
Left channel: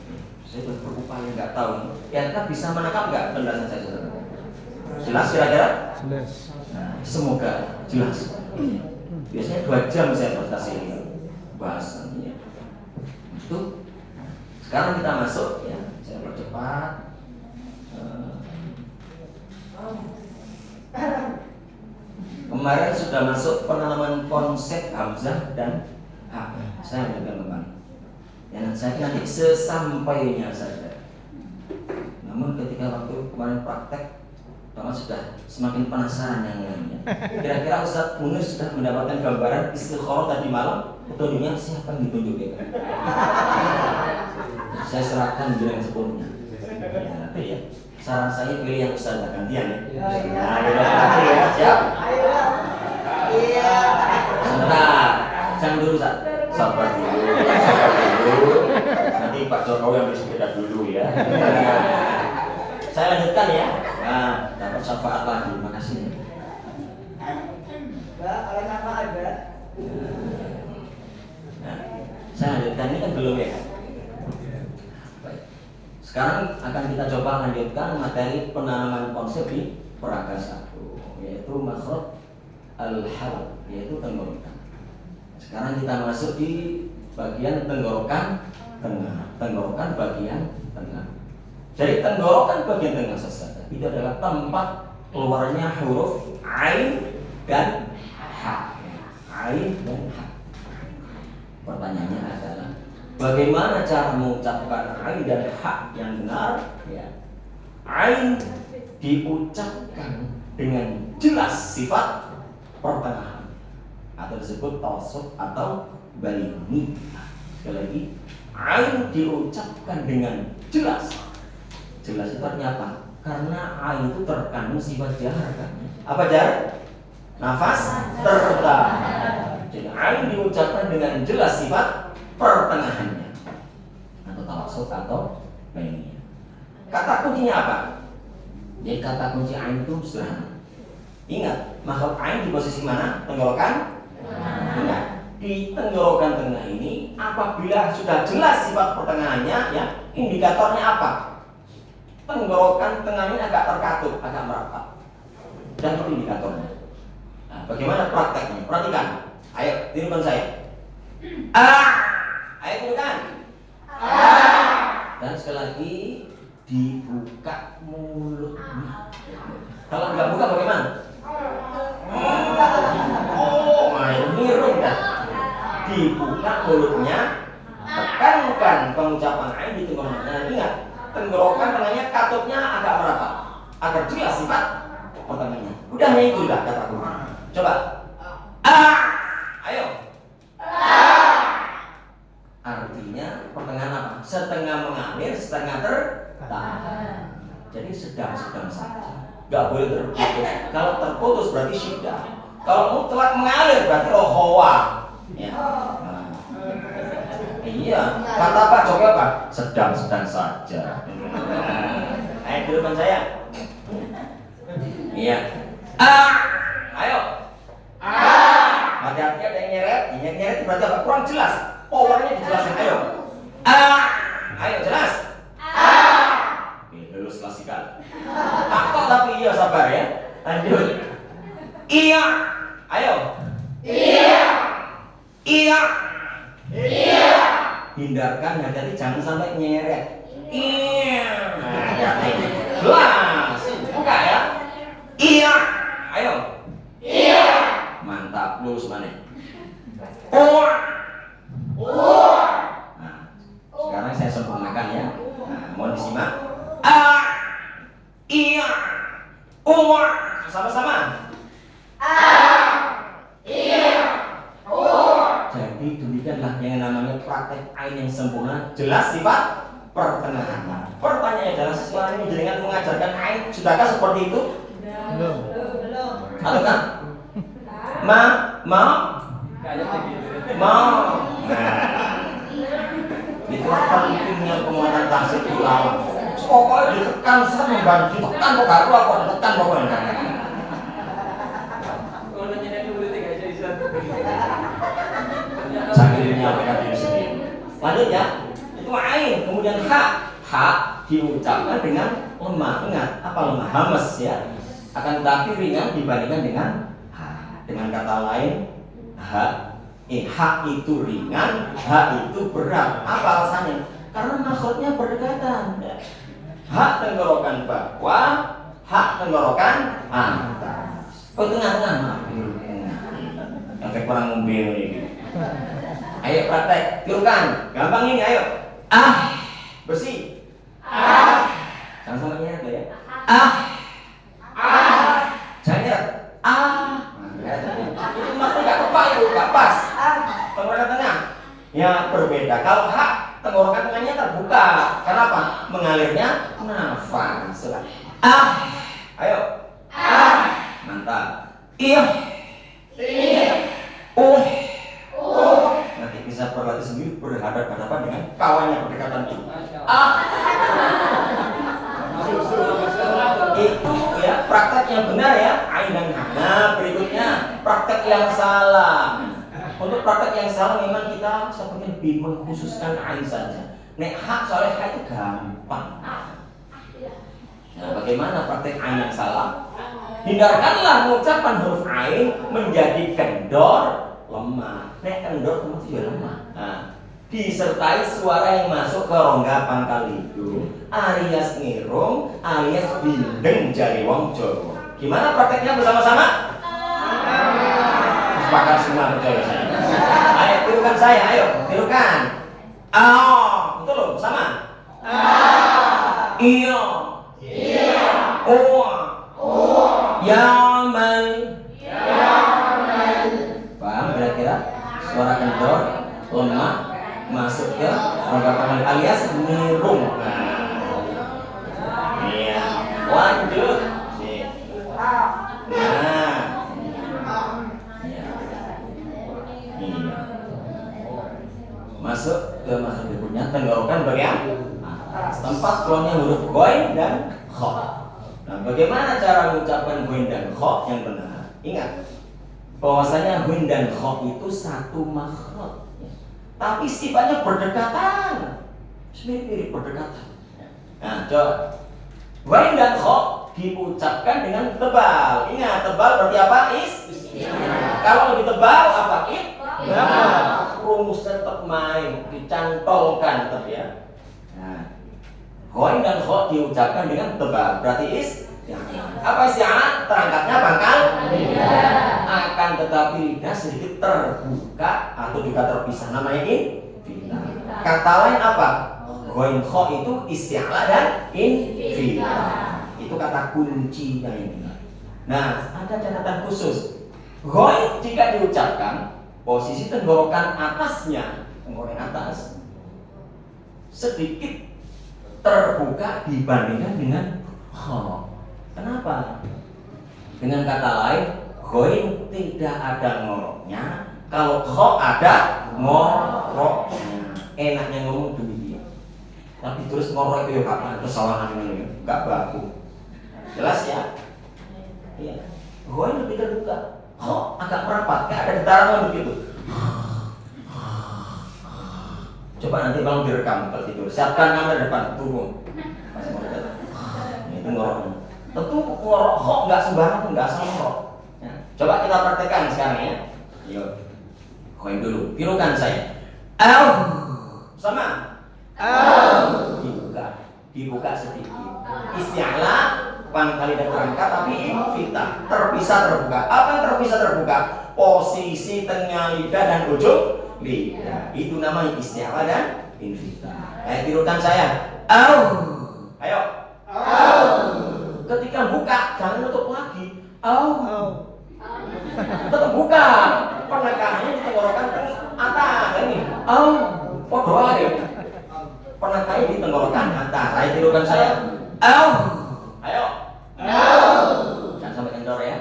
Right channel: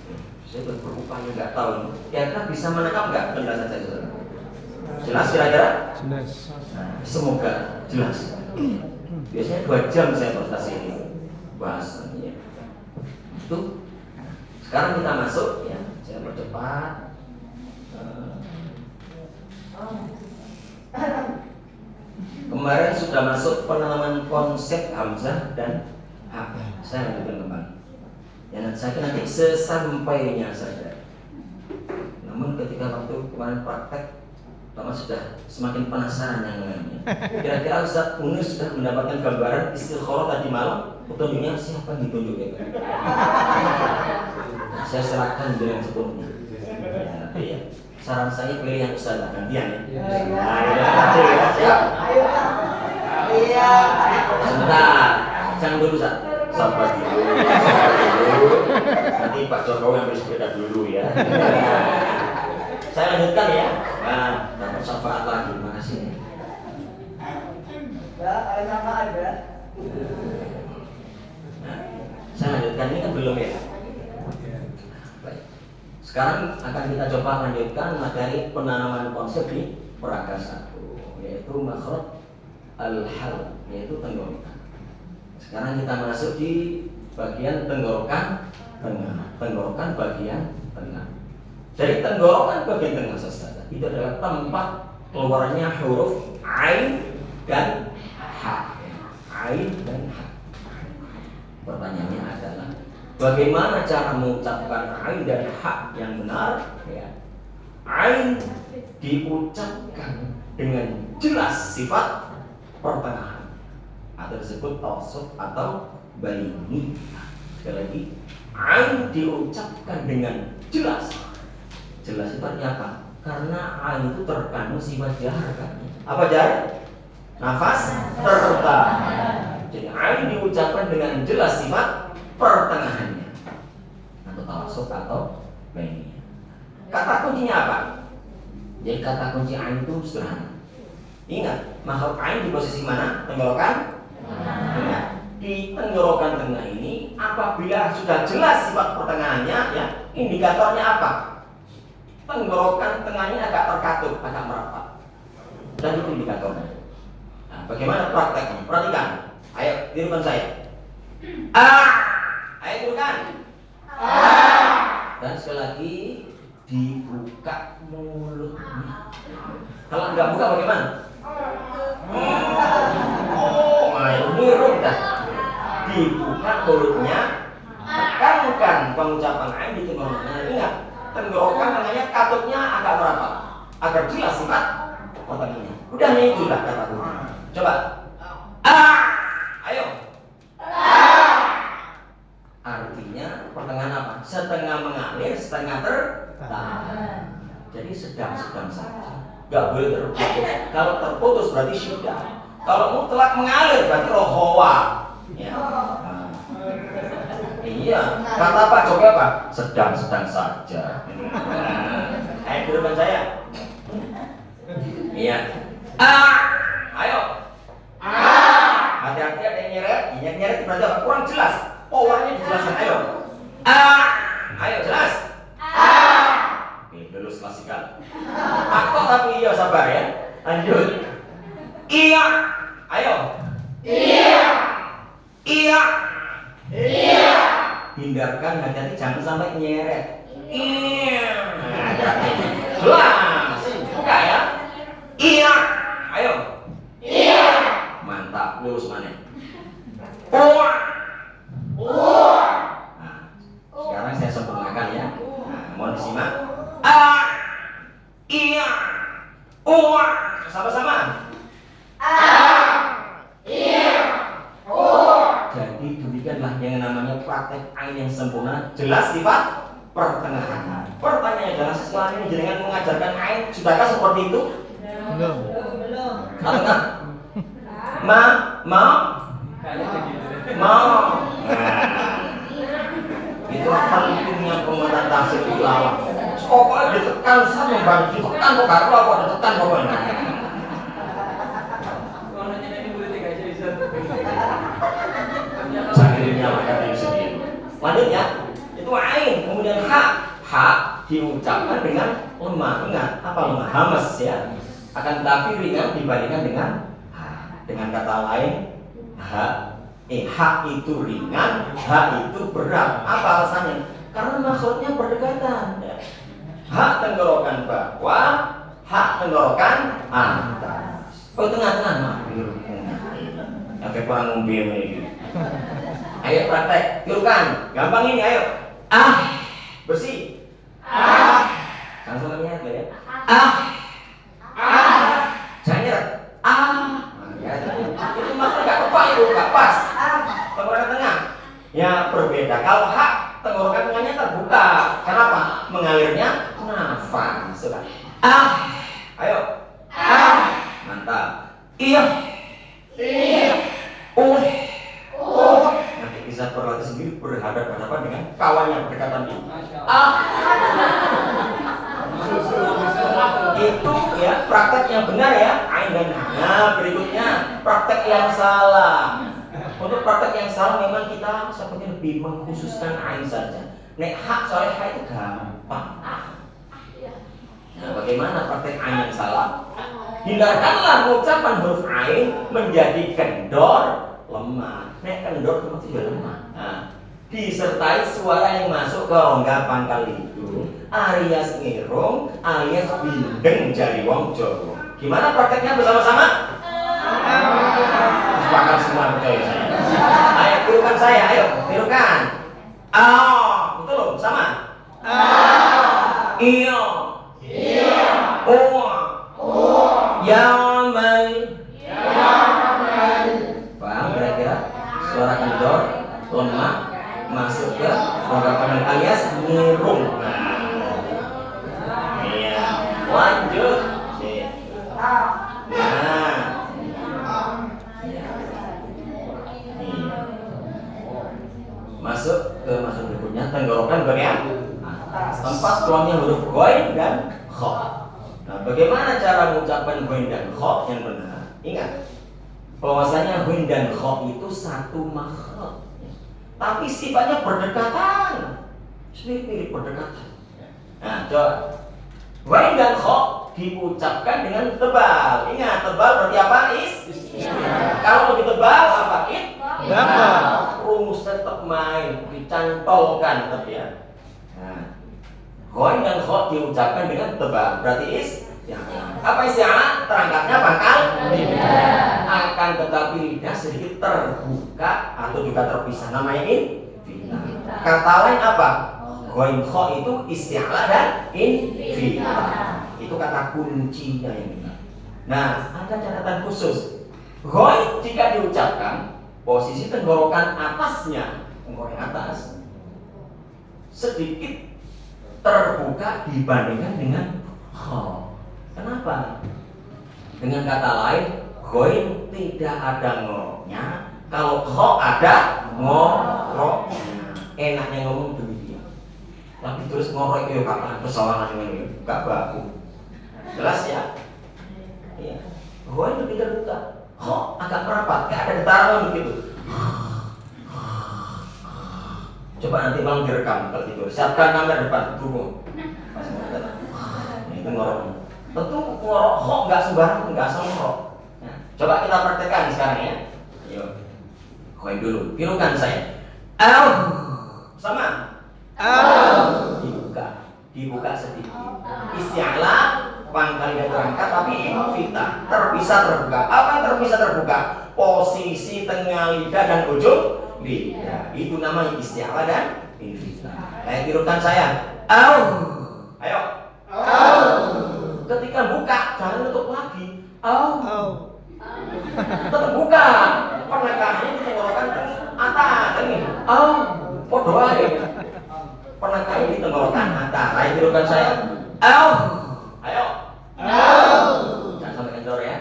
Saya sudah berupaya nggak tahu. Kira-kira bisa menangkap nggak penjelasan saya saudara? Jelas kira-kira? Jelas. Nah, semoga jelas. Biasanya 2 jam saya presentasi ini bahasannya. Itu sekarang kita masuk ya. Saya percepat. Kemarin sudah masuk penanaman konsep hamzah dan hak. Saya lanjutkan kembali. Ya, saya kira nanti sesampainya saja. Namun ketika waktu kemarin praktek, Thomas sudah semakin penasaran yang lainnya. Kira-kira Ustaz Munir sudah mendapatkan gambaran istikharah tadi malam, petunjuknya siapa yang ditunjuk ya? Saya serahkan dengan sepenuhnya. Ya. Saran saya pilih yang Ustaz gantian ya. Nah, siap. Iya. Sebentar, jangan dulu Ustaz. Sabar dulu. Nanti Pak Jokowi ambil sepeda dulu ya. Saya lanjutkan ya. Nah, dapat syafaat lagi. Terima kasih. Enggak, kalau syafaat enggak. Nah, saya lanjutkan ini kan belum ya. Baik. Sekarang akan kita coba lanjutkan materi penanaman konsep di peraga 1, yaitu makhraj al-hal, yaitu tenggorokan. Sekarang kita masuk di bagian tenggorokan tengah. Tenggorokan bagian tengah. Jadi tenggorokan bagian tengah saja itu adalah tempat keluarnya huruf ain dan ha. Ain dan ha. Pertanyaannya adalah bagaimana cara mengucapkan ain dan ha yang benar? Ya. Ain diucapkan dengan jelas sifat pertengahan atau disebut tawassut atau baini. Sekali lagi, ain diucapkan dengan jelas. Jelas itu artinya apa? Karena ain itu terkandung sifat jahar kan? Apa jahar? Nafas tertahan. Jadi ain diucapkan dengan jelas sifat pertengahannya atau tawassut atau baini. Kata kuncinya apa? Jadi kata kunci ain itu sederhana. Ingat, makhluk ain di posisi mana? Tenggorokan tengah. Di tenggorokan tengah ini, apabila sudah jelas sifat pertengahannya, ya indikatornya apa? Tenggorokan tengahnya agak terkatup, agak merapat. Dan itu indikatornya. Nah, bagaimana prakteknya? Perhatikan. Ayo, tirukan saya. Ayo tirukan. Dan sekali lagi dibuka mulutnya. Kalau nggak buka bagaimana? Niru dah. Dibuka mulutnya, tekankan pengucapan ain di tenggorokan. Ingat, tenggorokan tengahnya katupnya agak merapat, agar jelas sifat pertengahannya. Udah itulah kata kunci. Coba. Ayo. Artinya pertengahan apa? Setengah mengalir, setengah tertahan. Jadi sedang-sedang saja. Gak boleh terputus. Kalau terputus berarti syiddah. Kalau mutlak mengalir berarti rohawa. Ya. Nah. Iya. Kata Pak Jokowi apa? Sedang-sedang saja. Ayo dulukan saya. Iya. Ayo. Hati-hati ada yang nyeret. Yang nyeret berarti apa? Kurang jelas. Powernya dijelasin. Ayo. Ayo jelas. Oke, lulus klasikal. Takut tapi iya sabar ya. Lanjut. Iya. Ayo. Iya. Iya. Iya. Hindarkan hati-hati jangan sampai nyeret. Iya. Jelas. Buka ya. Iya. Ayo. Iya. Mantap, lulus mana? Nah, sekarang saya sempurnakan ya. Nah, mohon disimak. Iya. Sama-sama. Iya. Jadi demikianlah yang namanya praktek ain yang sempurna, jelas sifat pertengahan. Pertanyaannya adalah setelah ini jenengan mengajarkan ain, sudahkah seperti itu? Belum. Apakah? Mau? Itu pentingnya penguatan tasik di lawan. Pokoknya ditekan sama membantu, ditekan kok gak keluar, kok ditekan pokoknya. Lanjut ya. Itu ain. Kemudian ha diucapkan dengan lemah. Ingat, apa lemah? Hamas ya. Akan tetapi ringan dibandingkan dengan ha. Dengan kata lain, ha itu ringan, ha itu berat. Apa alasannya? Karena maksudnya berdekatan. Ha tenggorokan bawah, ha tenggorokan atas. Tengah-tengah mah. Efek orang mobil ini. Ayo praktek, tirukan. Gampang ini, ayo. Bersih. Sama-sama niat ya. Jangan nyeret. Itu maksudnya nggak tepat itu, nggak pas. Tenggorokan tengah. Ya berbeda. Kalau tenggorokan tengahnya terbuka. Kenapa? Mengalirnya nafas. Sudah. Ayo. Mantap. Iya. Nanti bisa berlatih sendiri berhadapan-hadapan dengan kawannya berdekatan ini. Itu ya praktek yang benar ya. Ain dan ha. Nah berikutnya praktek yang salah. Untuk praktek yang salah memang kita sepertinya lebih mengkhususkan ain saja. Nek soalnya ha itu gampang. Nah bagaimana praktek ain yang salah? Hindarkanlah mengucapkan huruf ain menjadi kendor lemah. Nek kendor itu juga lemah. Nah, disertai suara yang masuk ke rongga pangkal hidung, alias ngirung, alias bindeng jari wong Jawa. Gimana prakteknya bersama-sama? Sepakat semua percaya saya. Ayo tirukan saya, ayo tirukan. Itu loh bersama. Iyo. Yaman. Paham kira-kira? Suara kendor, lemah, masuk ke rongga pangkal alias ngirung. Iya. Lanjut. Nah. Iya. Masuk berikutnya tenggorokan bagian tempat keluarnya huruf ghoin dan kha. Nah, bagaimana cara mengucapkan ghoin dan kha yang benar? Ingat bahwasanya ghoin dan kha itu satu makhraj, tapi sifatnya berdekatan, mirip-mirip berdekatan. Nah, coba ghoin dan kha diucapkan dengan tebal. Ingat tebal berarti apa? Kalau lebih tebal apa? Rumus tetap main, dicantolkan tetap ya. Nah, ghoin dan kha diucapkan dengan tebal, berarti apa isti'alah? Terangkatnya pangkal akan tetapi lidah sedikit terbuka atau juga terpisah, namanya infitah. Kata lain apa? Ghoin kha itu isti'alah dan infitah. Itu kata kuncinya yang benar. Nah, ada catatan khusus. Ghoin jika diucapkan posisi tenggorokan atasnya, tenggorokan atas sedikit terbuka dibandingkan dengan kha. Kenapa? Dengan kata lain, ghoin tidak ada ngoroknya, kalau kha ada ngoroknya. Enaknya ngomong demikian. Tapi terus ngorok itu ya kapan kesalahan ini? Enggak baku. Jelas ya? Iya. Ghoin lebih terbuka, kha agak merapat, enggak ada getaran begitu. Coba nanti malam direkam kalau tidur. Siapkan kamera depan, turun. Nah, itu ngoroknya. Tentu ngorok kha enggak sembarang, enggak asal ngorok. Ya. Coba kita praktekkan sekarang ya. Ayo. Ghoin dulu. Tirukan saya. Sama. Dibuka sedikit. Isti'alah pangkal lidah berangkat tapi infitah, terpisah terbuka. Apa terpisah terbuka? Posisi tengah lidah dan ujung lidah. Itu namanya isti'alah dan infitah. Ayo tirukan saya. Ayo. Ketika buka jangan tutup lagi. Tetap buka. Penekaannya di tenggorokan atas ini. Podo ae. Penekaannya di tenggorokan atas. Ayo tirukan saya. Ayo. Jangan sampai kendor ya.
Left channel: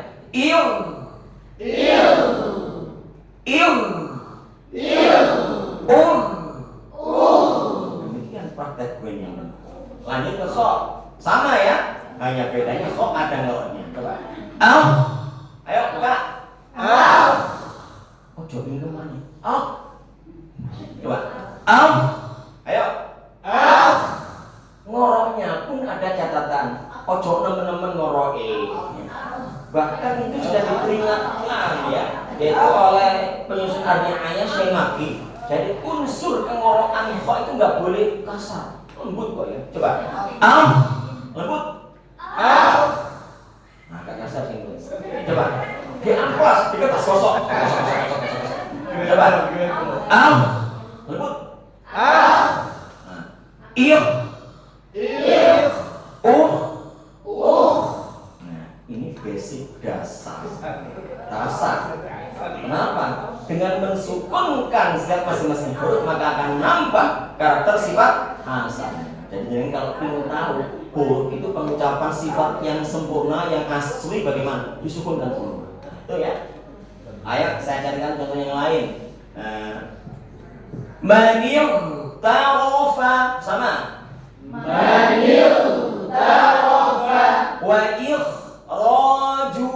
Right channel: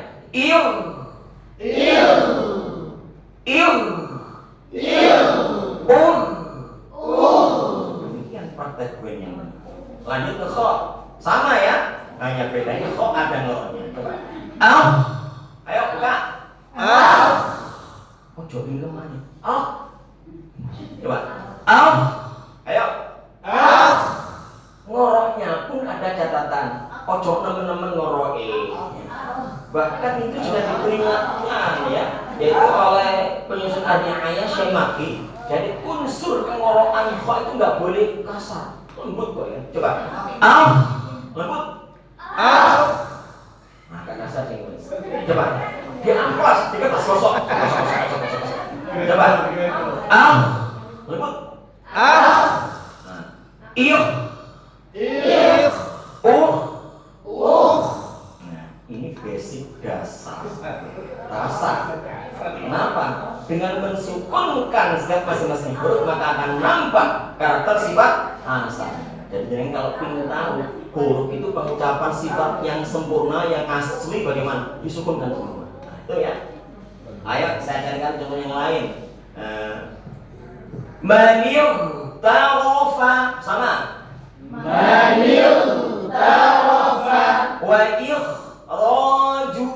Demikian praktek ghoin yang benar. Lanjut ke kha. Sama ya. Hanya bedanya kha ada ngoroknya. Coba. Ayo buka. Ojo di lemahnya. Coba. ada catatan, ojo nemen-nemen ngoroe. Bahkan itu sudah diperingatkan ya, yaitu oleh penyusun Arni'ayah Syekh Maki. Jadi unsur pengorokan kho itu nggak boleh kasar, lembut kok ya. Coba, lembut. Nah, gak kasar sih. Coba, di amplas, di kertas gosok. Coba, lembut. Iya. Nah, ini basic dasar. Kenapa? Dengan mensukunkan setiap masing-masing huruf maka akan nampak karakter sifat asal. Jadi kalau ingin tahu huruf itu pengucapan sifat yang sempurna, yang asli bagaimana? Disukunkan semua. Itu ya. Ayo saya carikan contoh yang lain. Manil tarofa sama. Manil tarofa Wa ikhraju.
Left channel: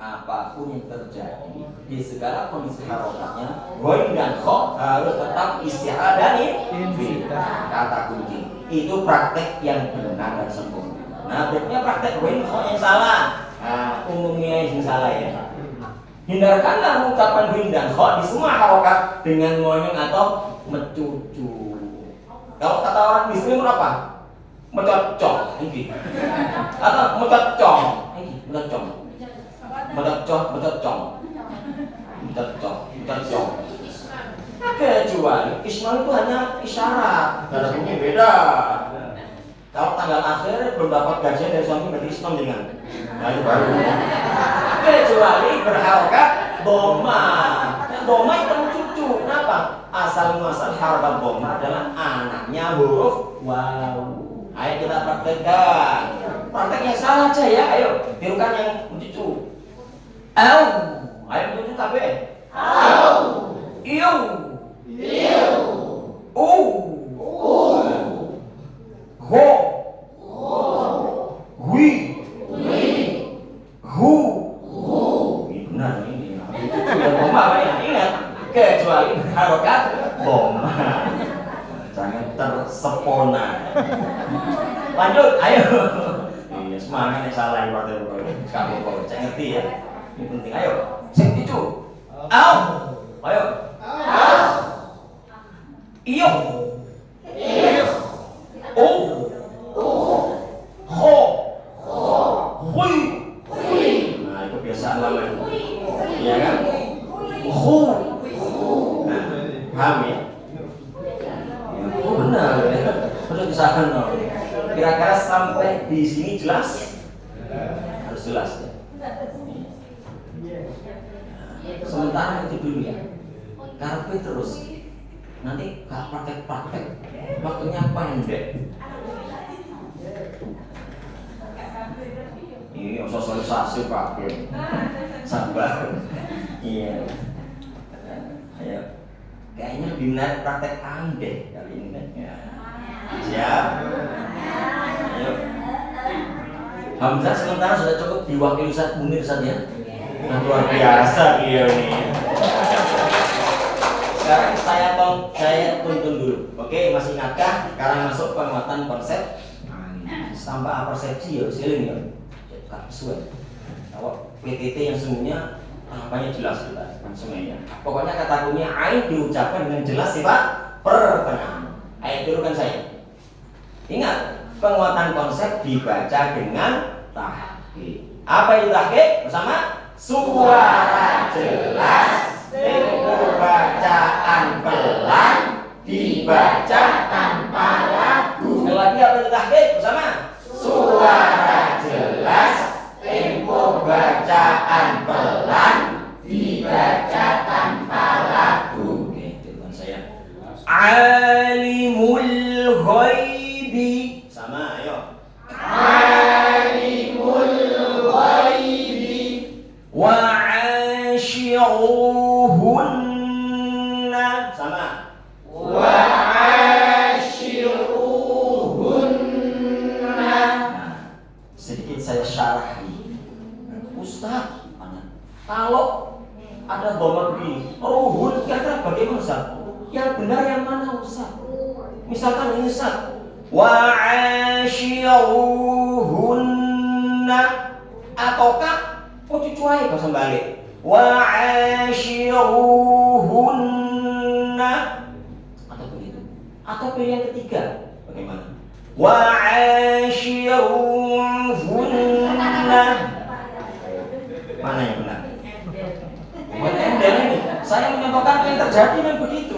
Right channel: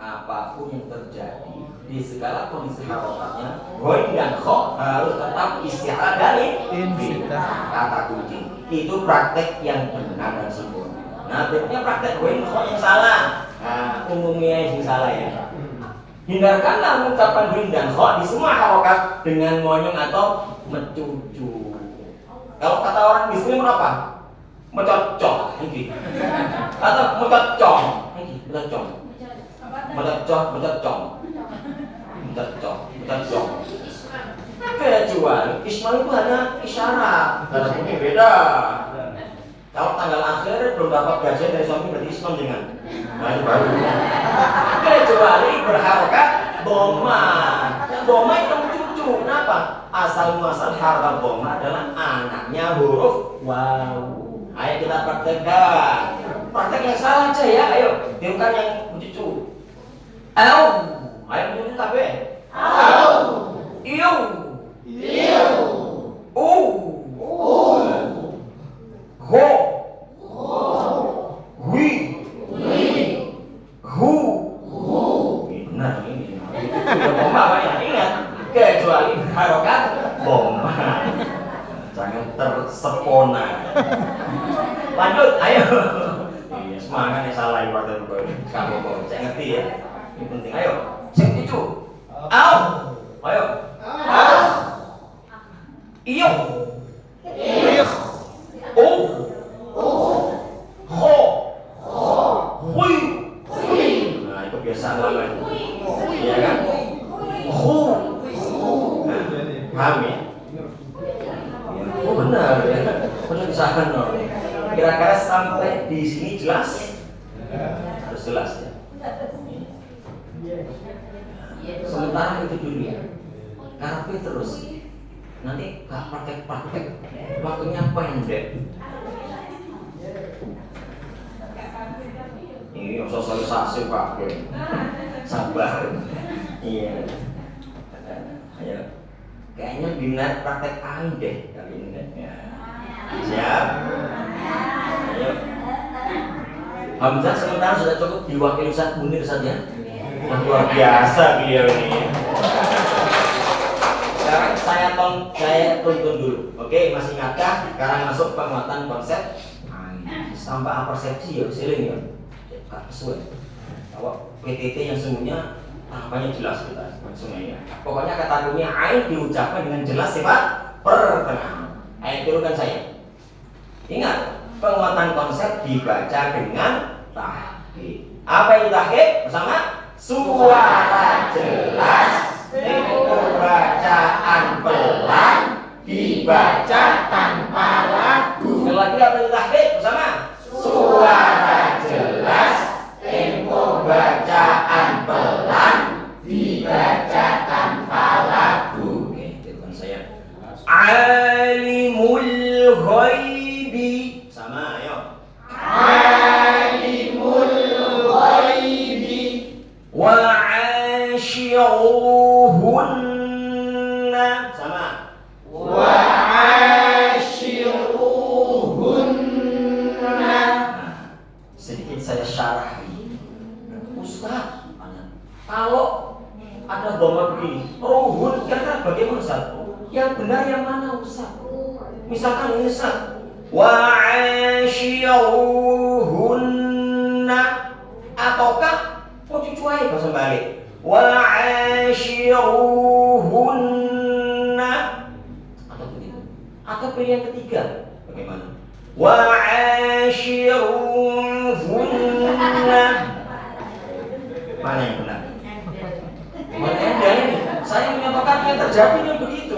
Apapun yang terjadi di segala kondisi harokatnya, ghain dan kho harus tetap isti'adah dan infitah. Kata kunci itu praktek yang benar dan sempurna. Nah, berarti praktek ghain kho yang salah. Nah, umumnya yang salah ya. Hindarkanlah mengucapkan ghain dan kho di semua harokat dengan ngonyong atau mencucu. Kalau kata orang di sini apa? Mecocok, ini. Atau mecocok, ini mecocok. Mecocok. Kecuali Ismail itu hanya isyarat, karena ini beda. Kalau tanggal akhir belum dapat gajian dari suami berarti Islam dengan. Nah, itu baru. Kecuali berharokat doma. Doma itu mencucu. Kenapa? Asal muasal harokat doma adalah anaknya huruf waw. Ayo kita praktekkan. Praktek yang salah aja ya, ayo. Tirukan yang mencucu. Ayo mencucu tapi. Iu. Ho. Hui. Hu. Benar ini. Bomba apa ya? Ingat. Kecuali harokat bomba. Jangan tersepona. Lanjut, ayo. Iya, semangat nih salah yang pada kamu saya ngerti ya. Ini penting, ayo. Sing itu. Ayo. Iyo. Ho. Hui. Nah, itu kebiasaan lama. Iya kan? Hu. Nah, paham ya? Oh benar ya. Harus disahan dong. Kira-kira sampai di sini jelas? Harus jelas ya. Sementara itu dulu ya. Karpe terus. Nanti gak praktek-praktek. Waktunya pendek. Ini sosialisasi Pak. Sabar. Iya. Ayo. Kayaknya dinar praktek deh kali ini. Ya. Siap. Ayo. Hamzah sementara sudah cukup diwakili Ustaz Munir saja. Luar biasa beliau ini. Sekarang saya tuntun dulu. Oke, masih ingatkah? Sekarang masuk penguatan konsep tanpa persepsi ya, seling ya. Kak sesuai. Kalau PTT yang sesungguhnya tahapannya jelas kita semuanya. Pokoknya kata dunia ain diucapkan dengan jelas sifat pertengahan. Ayo turunkan saya. Ingat, penguatan konsep dibaca dengan tahqiq. Apa itu tahqiq? Bersama suara jelas, tempo bacaan pelan, dibaca tanpa lagu. Sekali lagi apa itu tahqiq? Bersama suara jelas, tempo bacaan pelan, dibaca tanpa lagu. Oke, turunkan saya. Alimul ghaibi. Sama, ayo. Alimul ghaibi wa ashiruhunna. Sama. Wa ashiruhunna. Nah, sedikit saya syarahi. Ustaz, kalau ada bomba begini, ruhun kira-kira bagaimana Ustaz? Yang benar yang bagaimana Ustaz? Misalkan ini Ustaz, wa'ashiruhunna, ataukah cucuai bahasa balik, wa'ashiruhunna, atau begitu, atau pilihan ketiga bagaimana, wa'ashiruhunna. Mana yang benar? Mana yang benar ini? Saya menyatakan yang terjadi dan begitu,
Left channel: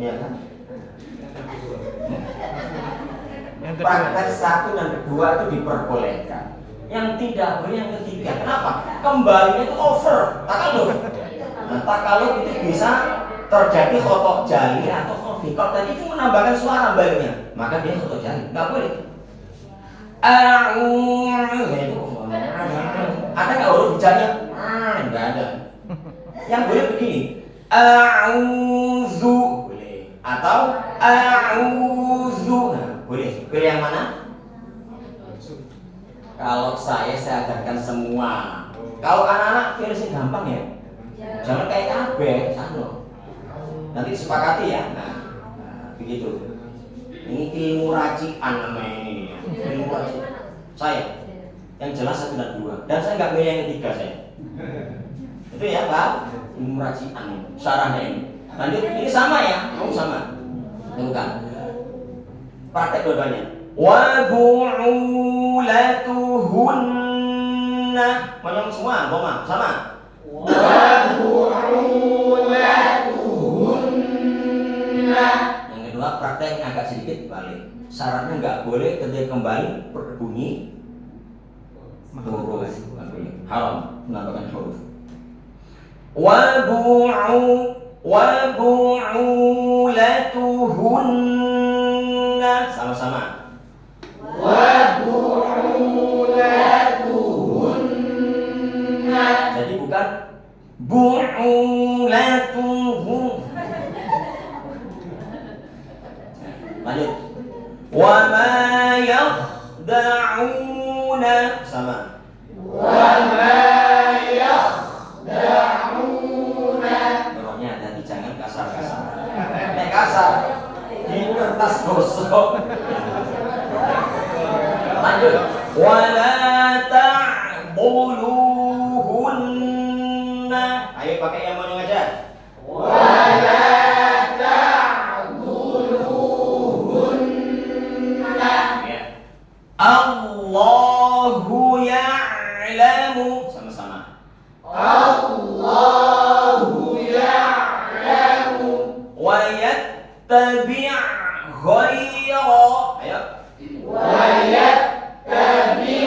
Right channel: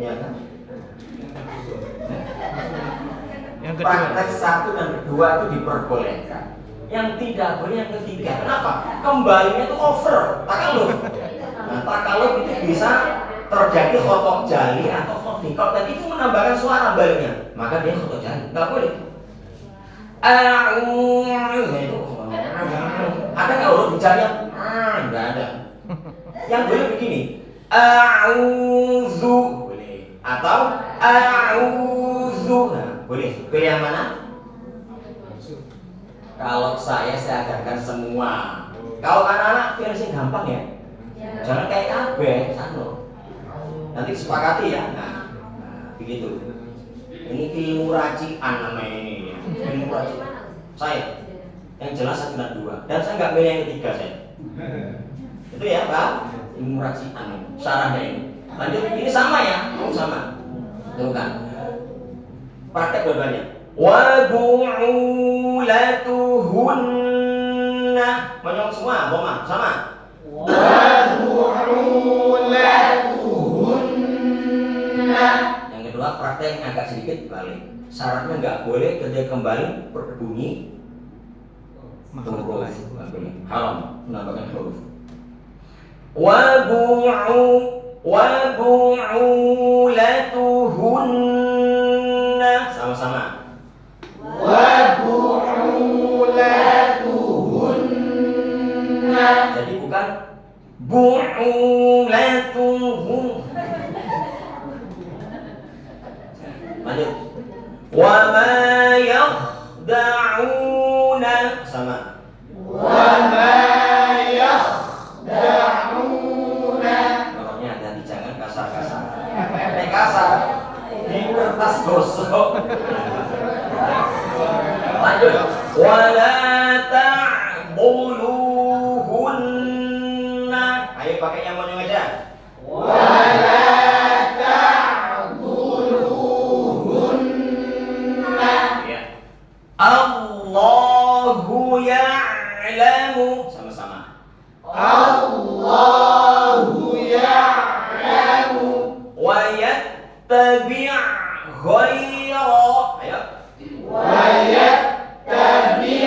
ya kan? Yang kedua. Praktek 1 dan 2 itu diperbolehkan. Yang tidak boleh yang ketiga. Kenapa? Kembalinya itu over, takaluf. Nah, takaluf itu bisa terjadi khotok jali atau khotikot, dan itu menambahkan suara barunya. Maka dia khotok jali, nggak boleh. Itu ada nggak huruf jarnya? Nggak ada. Yang boleh begini, a'udzu boleh, atau a'udzu. Nah, boleh. Pilih yang mana? Kalau saya ajarkan semua. Kalau anak-anak pilih sih gampang ya. Jangan kayak kabeh, sano. Nanti sepakati ya. Nah, begitu. Ini ilmu racikan namanya ini. Ilmu racikan. Saya yang jelas 1 dan 2. Dan saya nggak pilih yang ketiga saya. Itu ya Pak. Ilmu racikan ini. Sarana ini. Lanjut, ini sama ya. Kamu sama. Bukan. Praktek dua-duanya. Wa bu'ulatuhunna. Monyong semua, Boma, sama. Wa bu'ulatuhunna. Yang kedua, prakteknya agak sedikit balik. Syaratnya nggak boleh ketika kembali berbunyi huruf. Nggak boleh. Haram menambahkan huruf. Wa bu'ulatuhunna. Sama-sama. Wa bu'ulatuhunna. Jadi bukan bu'ulatuhun. Lanjut. Wa ma yakhda'una. Sama. Wa ma yakhda'una. Ngomongnya hati-hati, jangan kasar-kasar. Nek kasar di kertas gosok. Lanjut. Wala ta'buluhunna. Ayo pakai yang monyong aja. Wala ta'buluhunna. Ya. Allahu ya'lamu. Sama-sama. Allahu ya'lamu. Wa yattabi' ghaira. Ayo. Wa yattabi'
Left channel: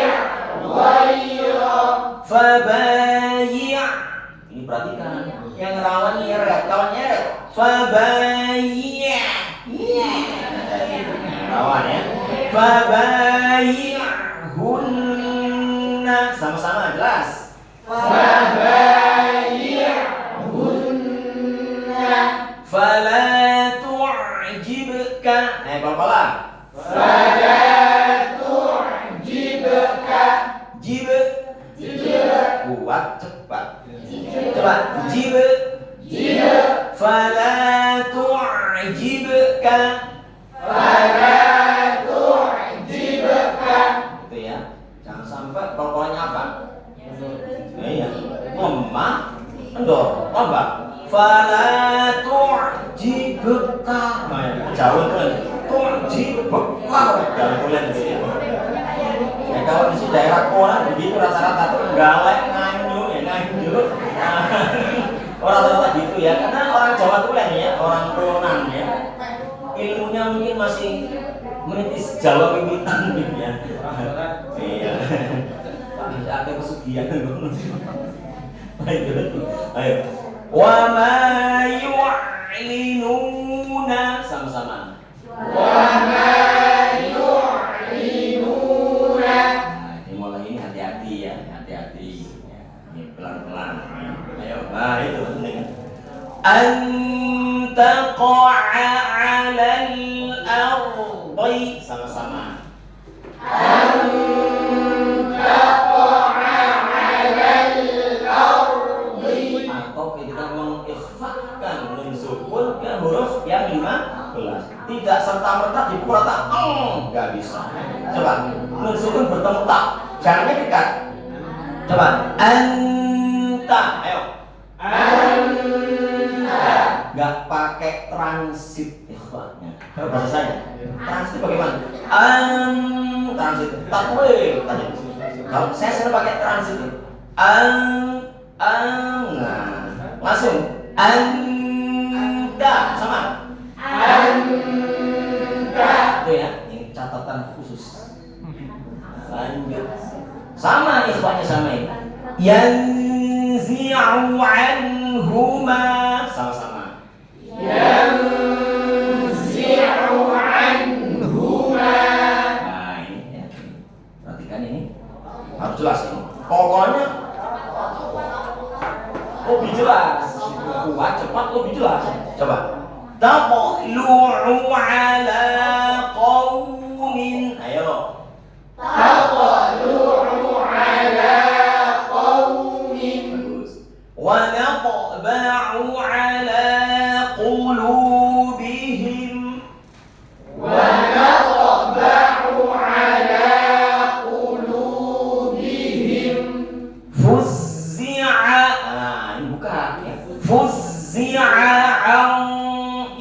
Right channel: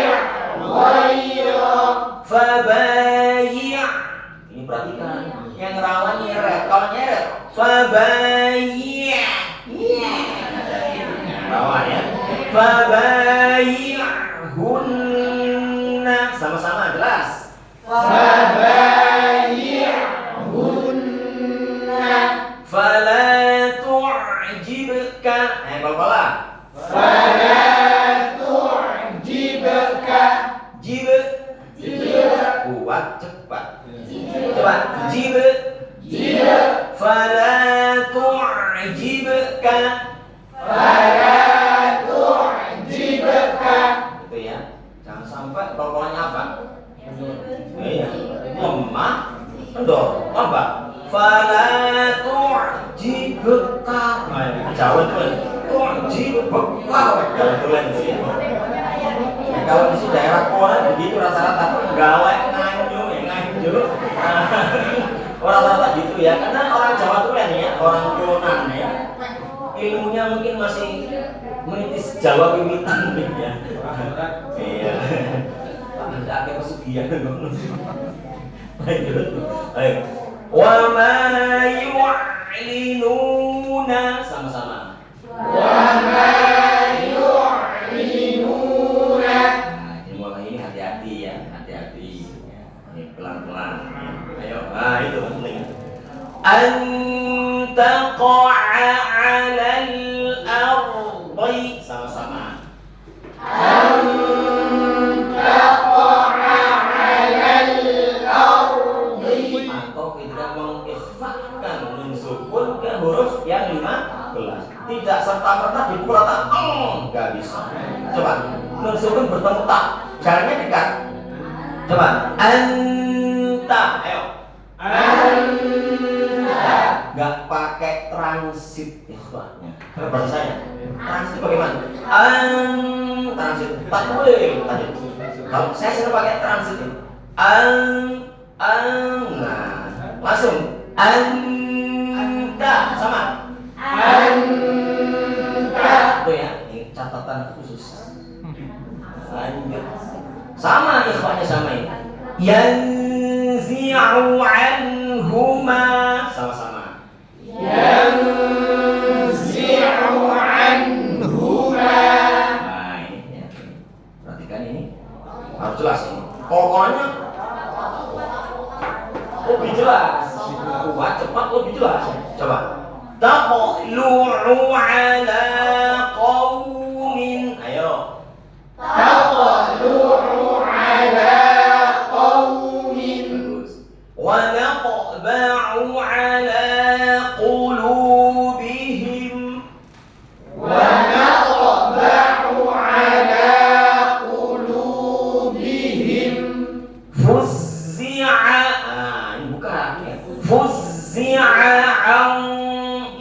ghaira. Fabayi'. Ini perhatikan. Yang rawan nyeret. Kalau nyeret, fabayi'. Rawan ya. Fabayi'hunna. Sama-sama jelas. Fabayi'hunna. Fala tu'jibka. Pelan-pelan. Fala tu'jibka. Jib. Kuat cepat. Jib. Cepat. Jib. Jib. Fala tu'jibka. Fala tu'jibka. Itu ya. Jangan sampai pokoknya apa? Iya. Lemah, kendor, lambat. Fala tu'jibka. Jauh tulen. Tu'jibka. Jauh tulen itu ya. Ya, kalau di sini daerah Koran begitu rata-rata tuh galak nganyu ya nganju. Orang rata-rata gitu ya, karena orang Jawa tulen ya, orang Kulonan ya. Ilmunya mungkin masih menitis Jawa wiwitan gitu ya. Iya. Ada pesugihan ngono. Ayo. Wa ma yu'linuna. Sama-sama. Wa ma yu'linuna. Nah, dimulai ini hati-hati ya, hati-hati. Ya, ini pelan-pelan. Ayo, nah itu penting. Antaqa'a 'alal ardi. Sama-sama. Atau kita mengikhfakan, mensukunkan huruf yang 5 tidak serta-merta dipukul rata. Nggak bisa. Coba, nun sukun bertemu tak, jalannya dekat. Coba, anta, ayo. Anta. Nggak pakai transit ikhwanya. Bahasa saya, transit bagaimana? Transit, takwil tadi. Kalau saya sering pakai transit, nah, langsung anta sama. Anta. Itu ya, ini catatan khusus. Lanjut, sama ikhwanya sama ini. Yanzi'u anhuma, sama-sama. Yanzi'u anhuma. Nah ini ya, perhatikan ini harus jelas ini. Pokoknya lebih jelas, kuat cepat lebih jelas. Coba. Taqlu'u ala qaumin. Ayo. Taqlu'u ala qaumin. Wa naqba'u ala qulubihim. Wa naqba'u ala qulubihim. Fuzzi'a. Nah, ini bukan. Fuzzi'a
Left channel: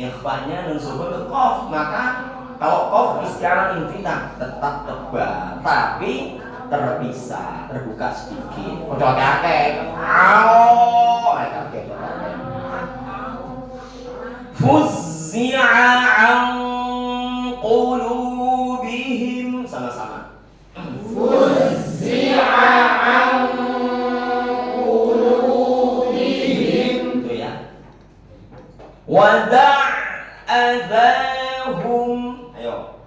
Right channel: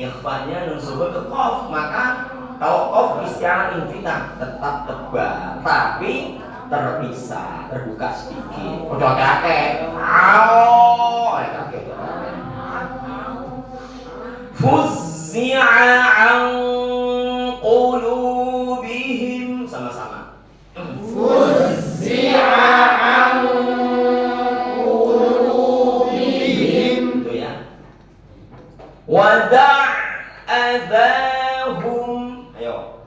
ikhwanya nun sukun ke qaf, maka kalau qaf isti'arah infinah tetap tebal tapi terpisah, terbuka sedikit. Udah kakek. Kakek. Fuzzi'a an qulubihim, sama-sama. Fuzzi'a an qulubihim. Itu ya. Wada'adahum. Ayo.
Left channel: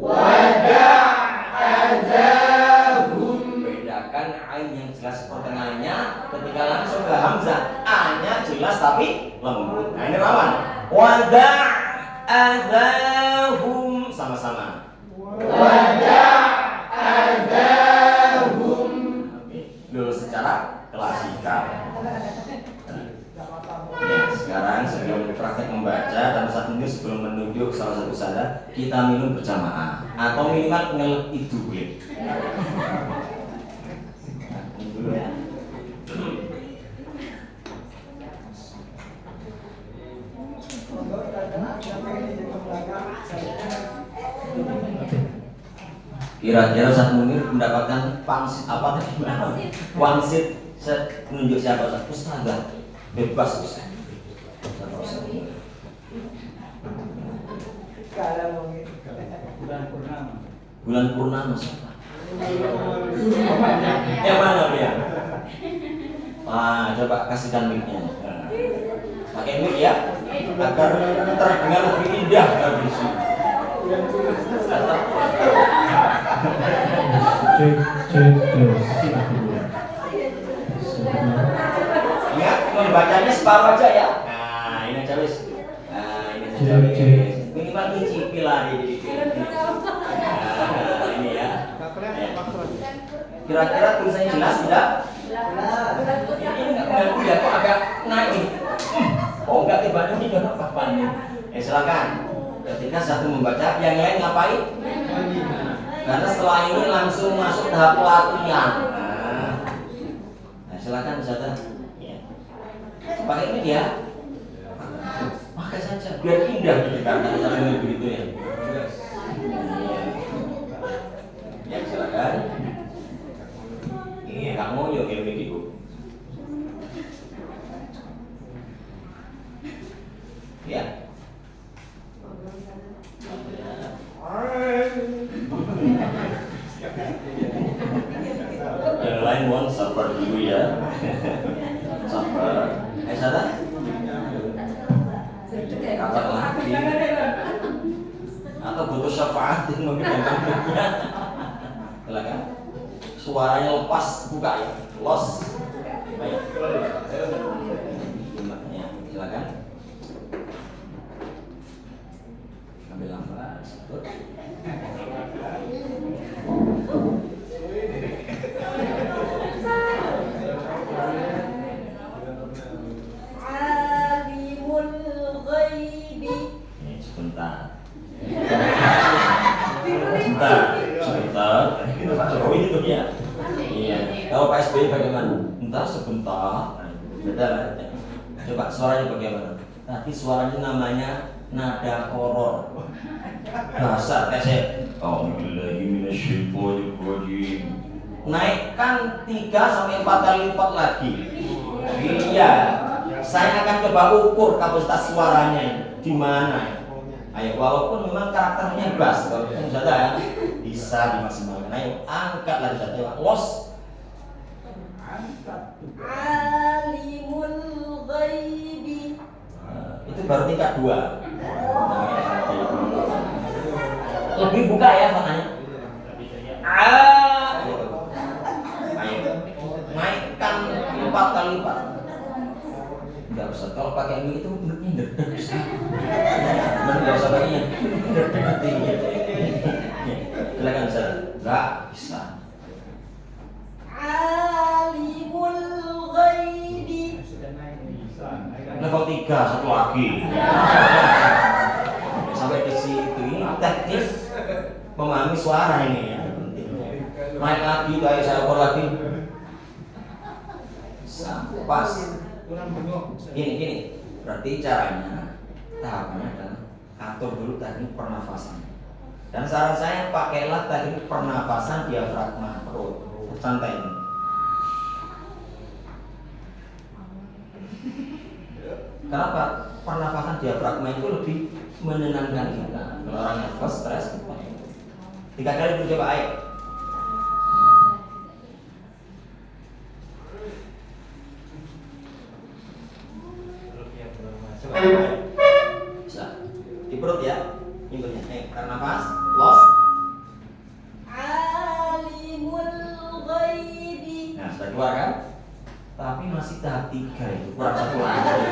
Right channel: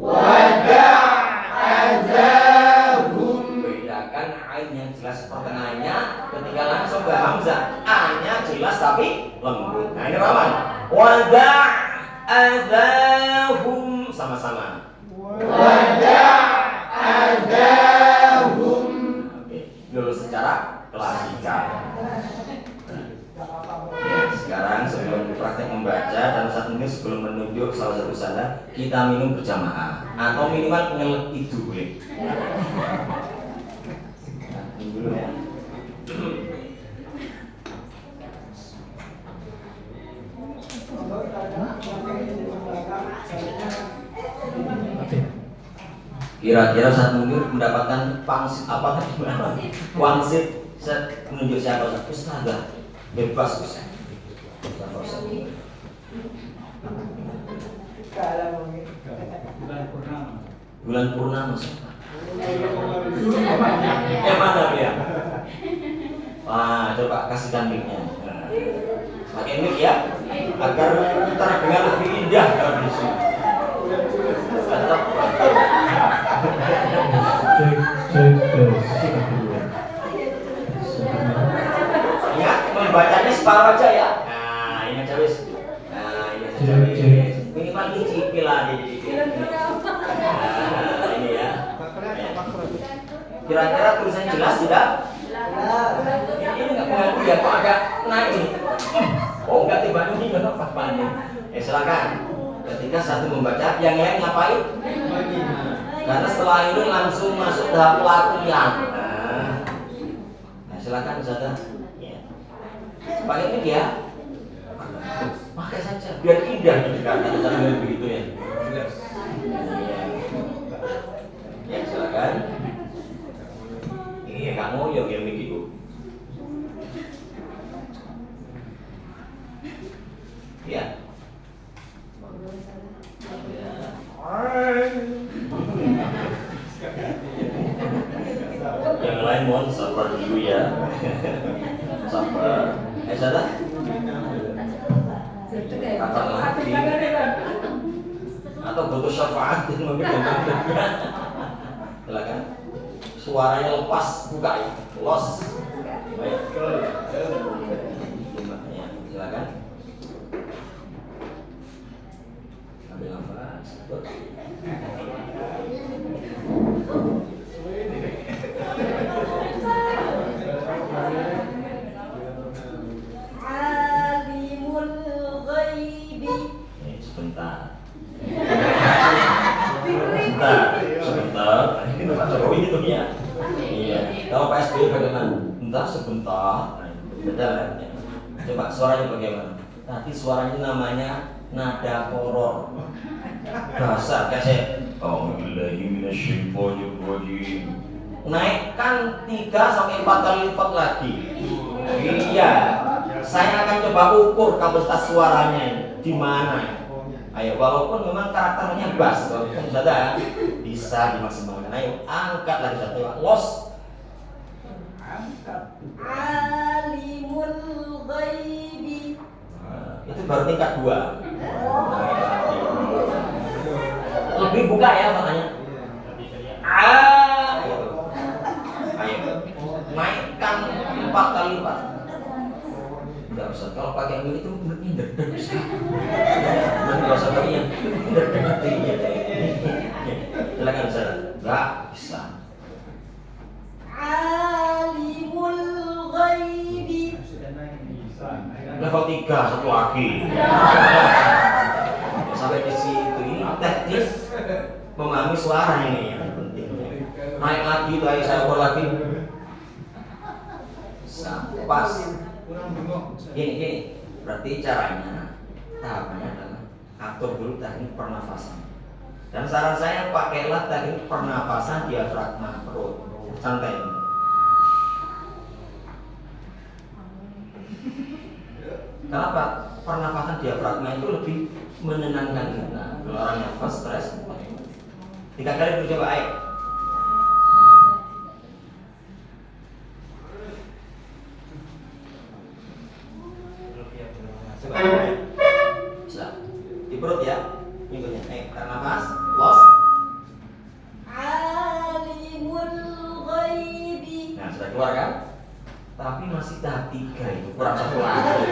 Wada'adahum. Bedakan ain yang jelas pertengahannya ketika langsung ke hamzah. A-nya jelas tapi lembut. Nah ini rawan. Wada'adahum, sama-sama. Wada'adahum. Oke, dulu secara klasikal. Ya, sekarang sebelum praktek membaca dan saat ini sebelum menunjuk salah satu sana, kita minum berjamaah atau minimal ngelek itu boleh. Minum dulu ya. Kira-kira saat Munir mendapatkan pangsit apa tadi? Wangsit menunjuk siapa? Ustazah. Bebas Ustaz. Bulan purnama siapa? Yang mana dia? Wah, coba kasihkan mic-nya. Pakai mic ya, agar terdengar lebih indah dari sini. Ingat, membacanya separuh aja ya. Nah, ini aja wis. Nah, ini aja wis. Minimal dicicil lah ini. Nah, ini ya. Kira-kira tulisannya jelas tidak? Ini enggak mengganggu ya, kok agak naik. Oh, enggak tiba-tiba ini enggak apa-apa nih. Silakan. Ketika satu membaca, yang lain ngapain? Karena setelah ini langsung masuk tahap latihan. Nah, silakan Ustazah. Ya. Pakai ini ya. Pakai saja biar indah karena cara begitu ya. Ya, silakan. Iya, kamu yuk ya begitu. Ya. Yang lain mohon sabar dulu ya. Sabar. Sada? Kapan lagi? Atau butuh syafaat mungkin gampang juga. Silakan. Suaranya lepas, buka ya. Los. Baik. Silakan. Ambil nafas. sebentar. Sebentar. Jokowi gitu ya. Iya. Kalau Pak SBY bagaimana? Sebentar. Betul. Coba suaranya bagaimana? Tadi suaranya namanya nada horor. Dasar kasih. Naikkan 3 sampai 4 kali lipat lagi. Iya. Saya akan coba ukur kapasitas suaranya ini di mana. Ayo, walaupun memang karakternya bass, walaupun sudah bisa dimaksimalkan. Ayo, angkat lagi satu. Los. Alimul ghaibi. Itu baru tingkat 2. Lebih buka ya makanya. Ayo, naikkan 4 kali lipat. Enggak usah, kalau pakai ini itu bener-bener bisa. Enggak usah pakai yang bener-bener. Silakan saya. Enggak bisa. Alimul ghaibi. Level 3 satu lagi. Sampai di situ ini teknis memahami suara ini ya. Naik lagi tuh, ayo saya ukur lagi. Pas. Gini. Berarti caranya tahapannya adalah atur dulu teknik pernafasan. Dan saran saya pakailah teknik pernafasan diafragma perut. Santai. Kenapa? Pernafasan diafragma itu lebih menenangkan kita. Kalau orang nervous, stres. 3 kali dulu coba, ayo. Coba, ayo. Bisa. Di perut ya. Nyebutnya. Tarik nafas. Los. Alimul ghaibi. Nah, sudah keluar kan? Tapi masih tahap 3 itu. Kurang 1 lagi.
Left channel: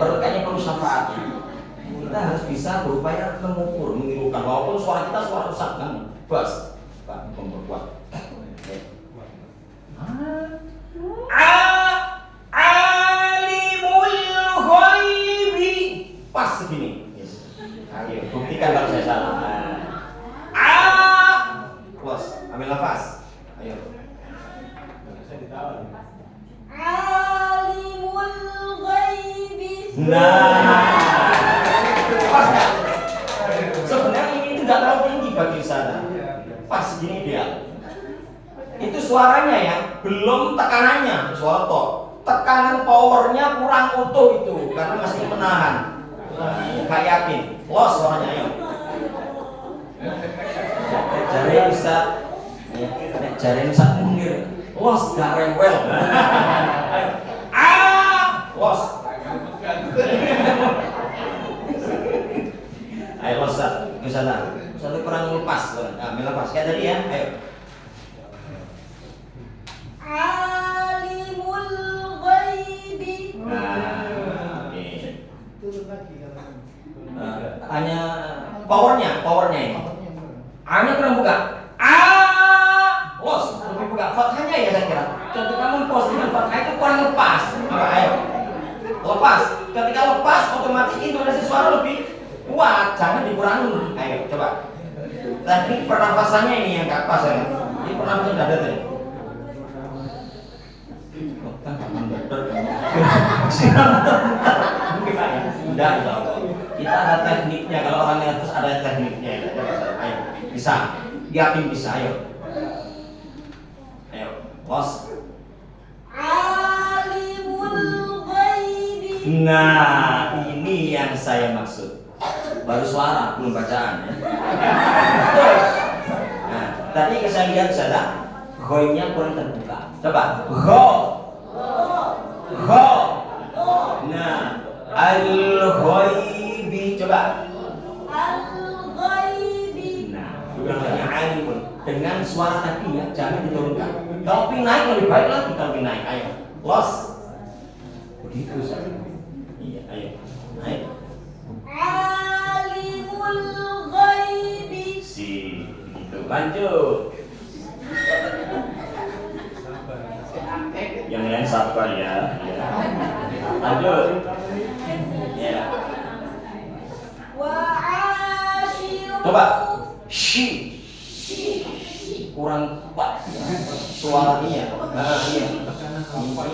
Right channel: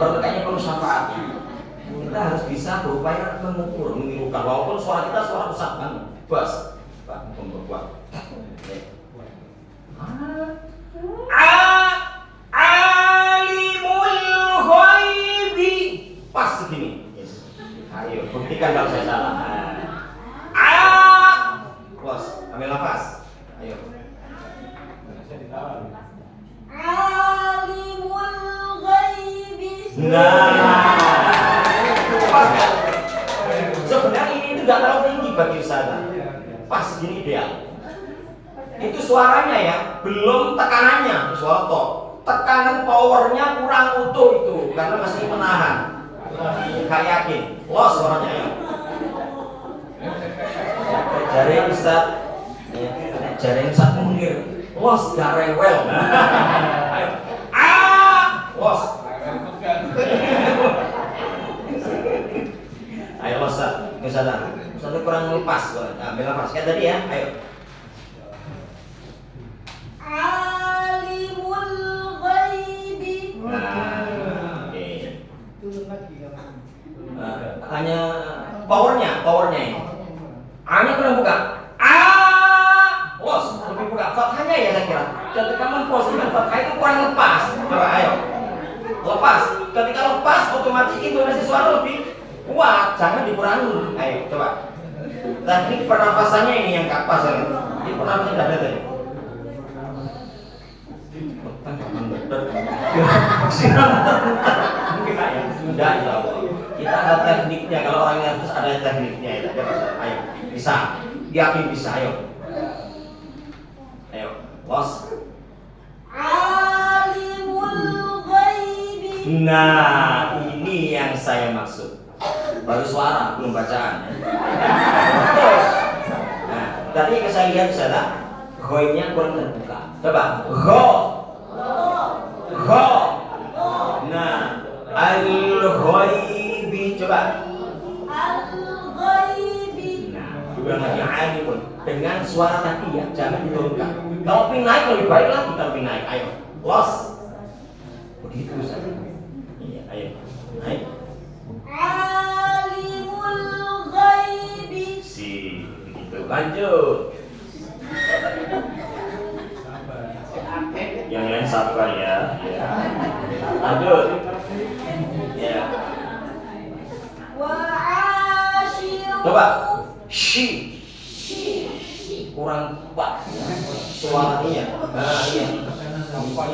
Kayaknya perlu syafaat. Kita harus bisa berupaya mengukur, menirukan. Walaupun suara kita suara rusak kan, bas, Pak, memperkuat. Alimul ghaibi. Pas segini. Ayo, buktikan kalau saya salah. Los, ambil nafas. Ayo. Alimul ghaibi. Nah, sebenarnya ini tidak terlalu tinggi bagi Ustazah. Pas gini ideal. Itu suaranya ya, belum tekanannya, suara to. Tekanan powernya kurang utuh itu karena masih menahan. Gak yakin. Los suaranya ya. Jari bisa, jari bisa mundur. Los gak rewel. Los. Ayo los, Ustazah. Soalnya kurang lepas loh. Nah, ambil lepas kayak tadi ya. Ayo. Alimul ghaibi. Oke. Hanya powernya ini. A-nya kurang buka. Los, lebih buka. Fathahnya ya saya kira. Ketika mempos dengan fathah itu kurang lepas. Coba ayo. Lepas. Ketika lepas otomatis intonasi suara lebih kuat. Jangan dikurangi. Ayo coba. Teknik pernafasannya ini yang gak pas ya. Ini pernafasan udah ada tadi. Enggak, kita ada tekniknya. Kalau orangnya terus ada tekniknya. Ayo, bisa. Yakin bisa. Ayo, los. Alimul ghaibi. Nah, ini yang saya maksud. Baru suara, belum bacaan. Nah, tadi saya lihat salah. Ghonya kurang terbuka. Coba, gho. Nah, al-ghaibi. Coba. Al-ghaibi. Nah, bukannya alimun. Dengan suara tadi ya, jangan diturunkan. Kalau pin naik lebih baik lagi kalau pin naik. Ayo, los. Begitu saja. Iya, ayo. Naik. Alimul ghaibi. Begitu. Lanjut. Yang lain sabar ya. Lanjut. Ya. Coba. Shi. Kurang kuat. Suara iya. Nah, iya.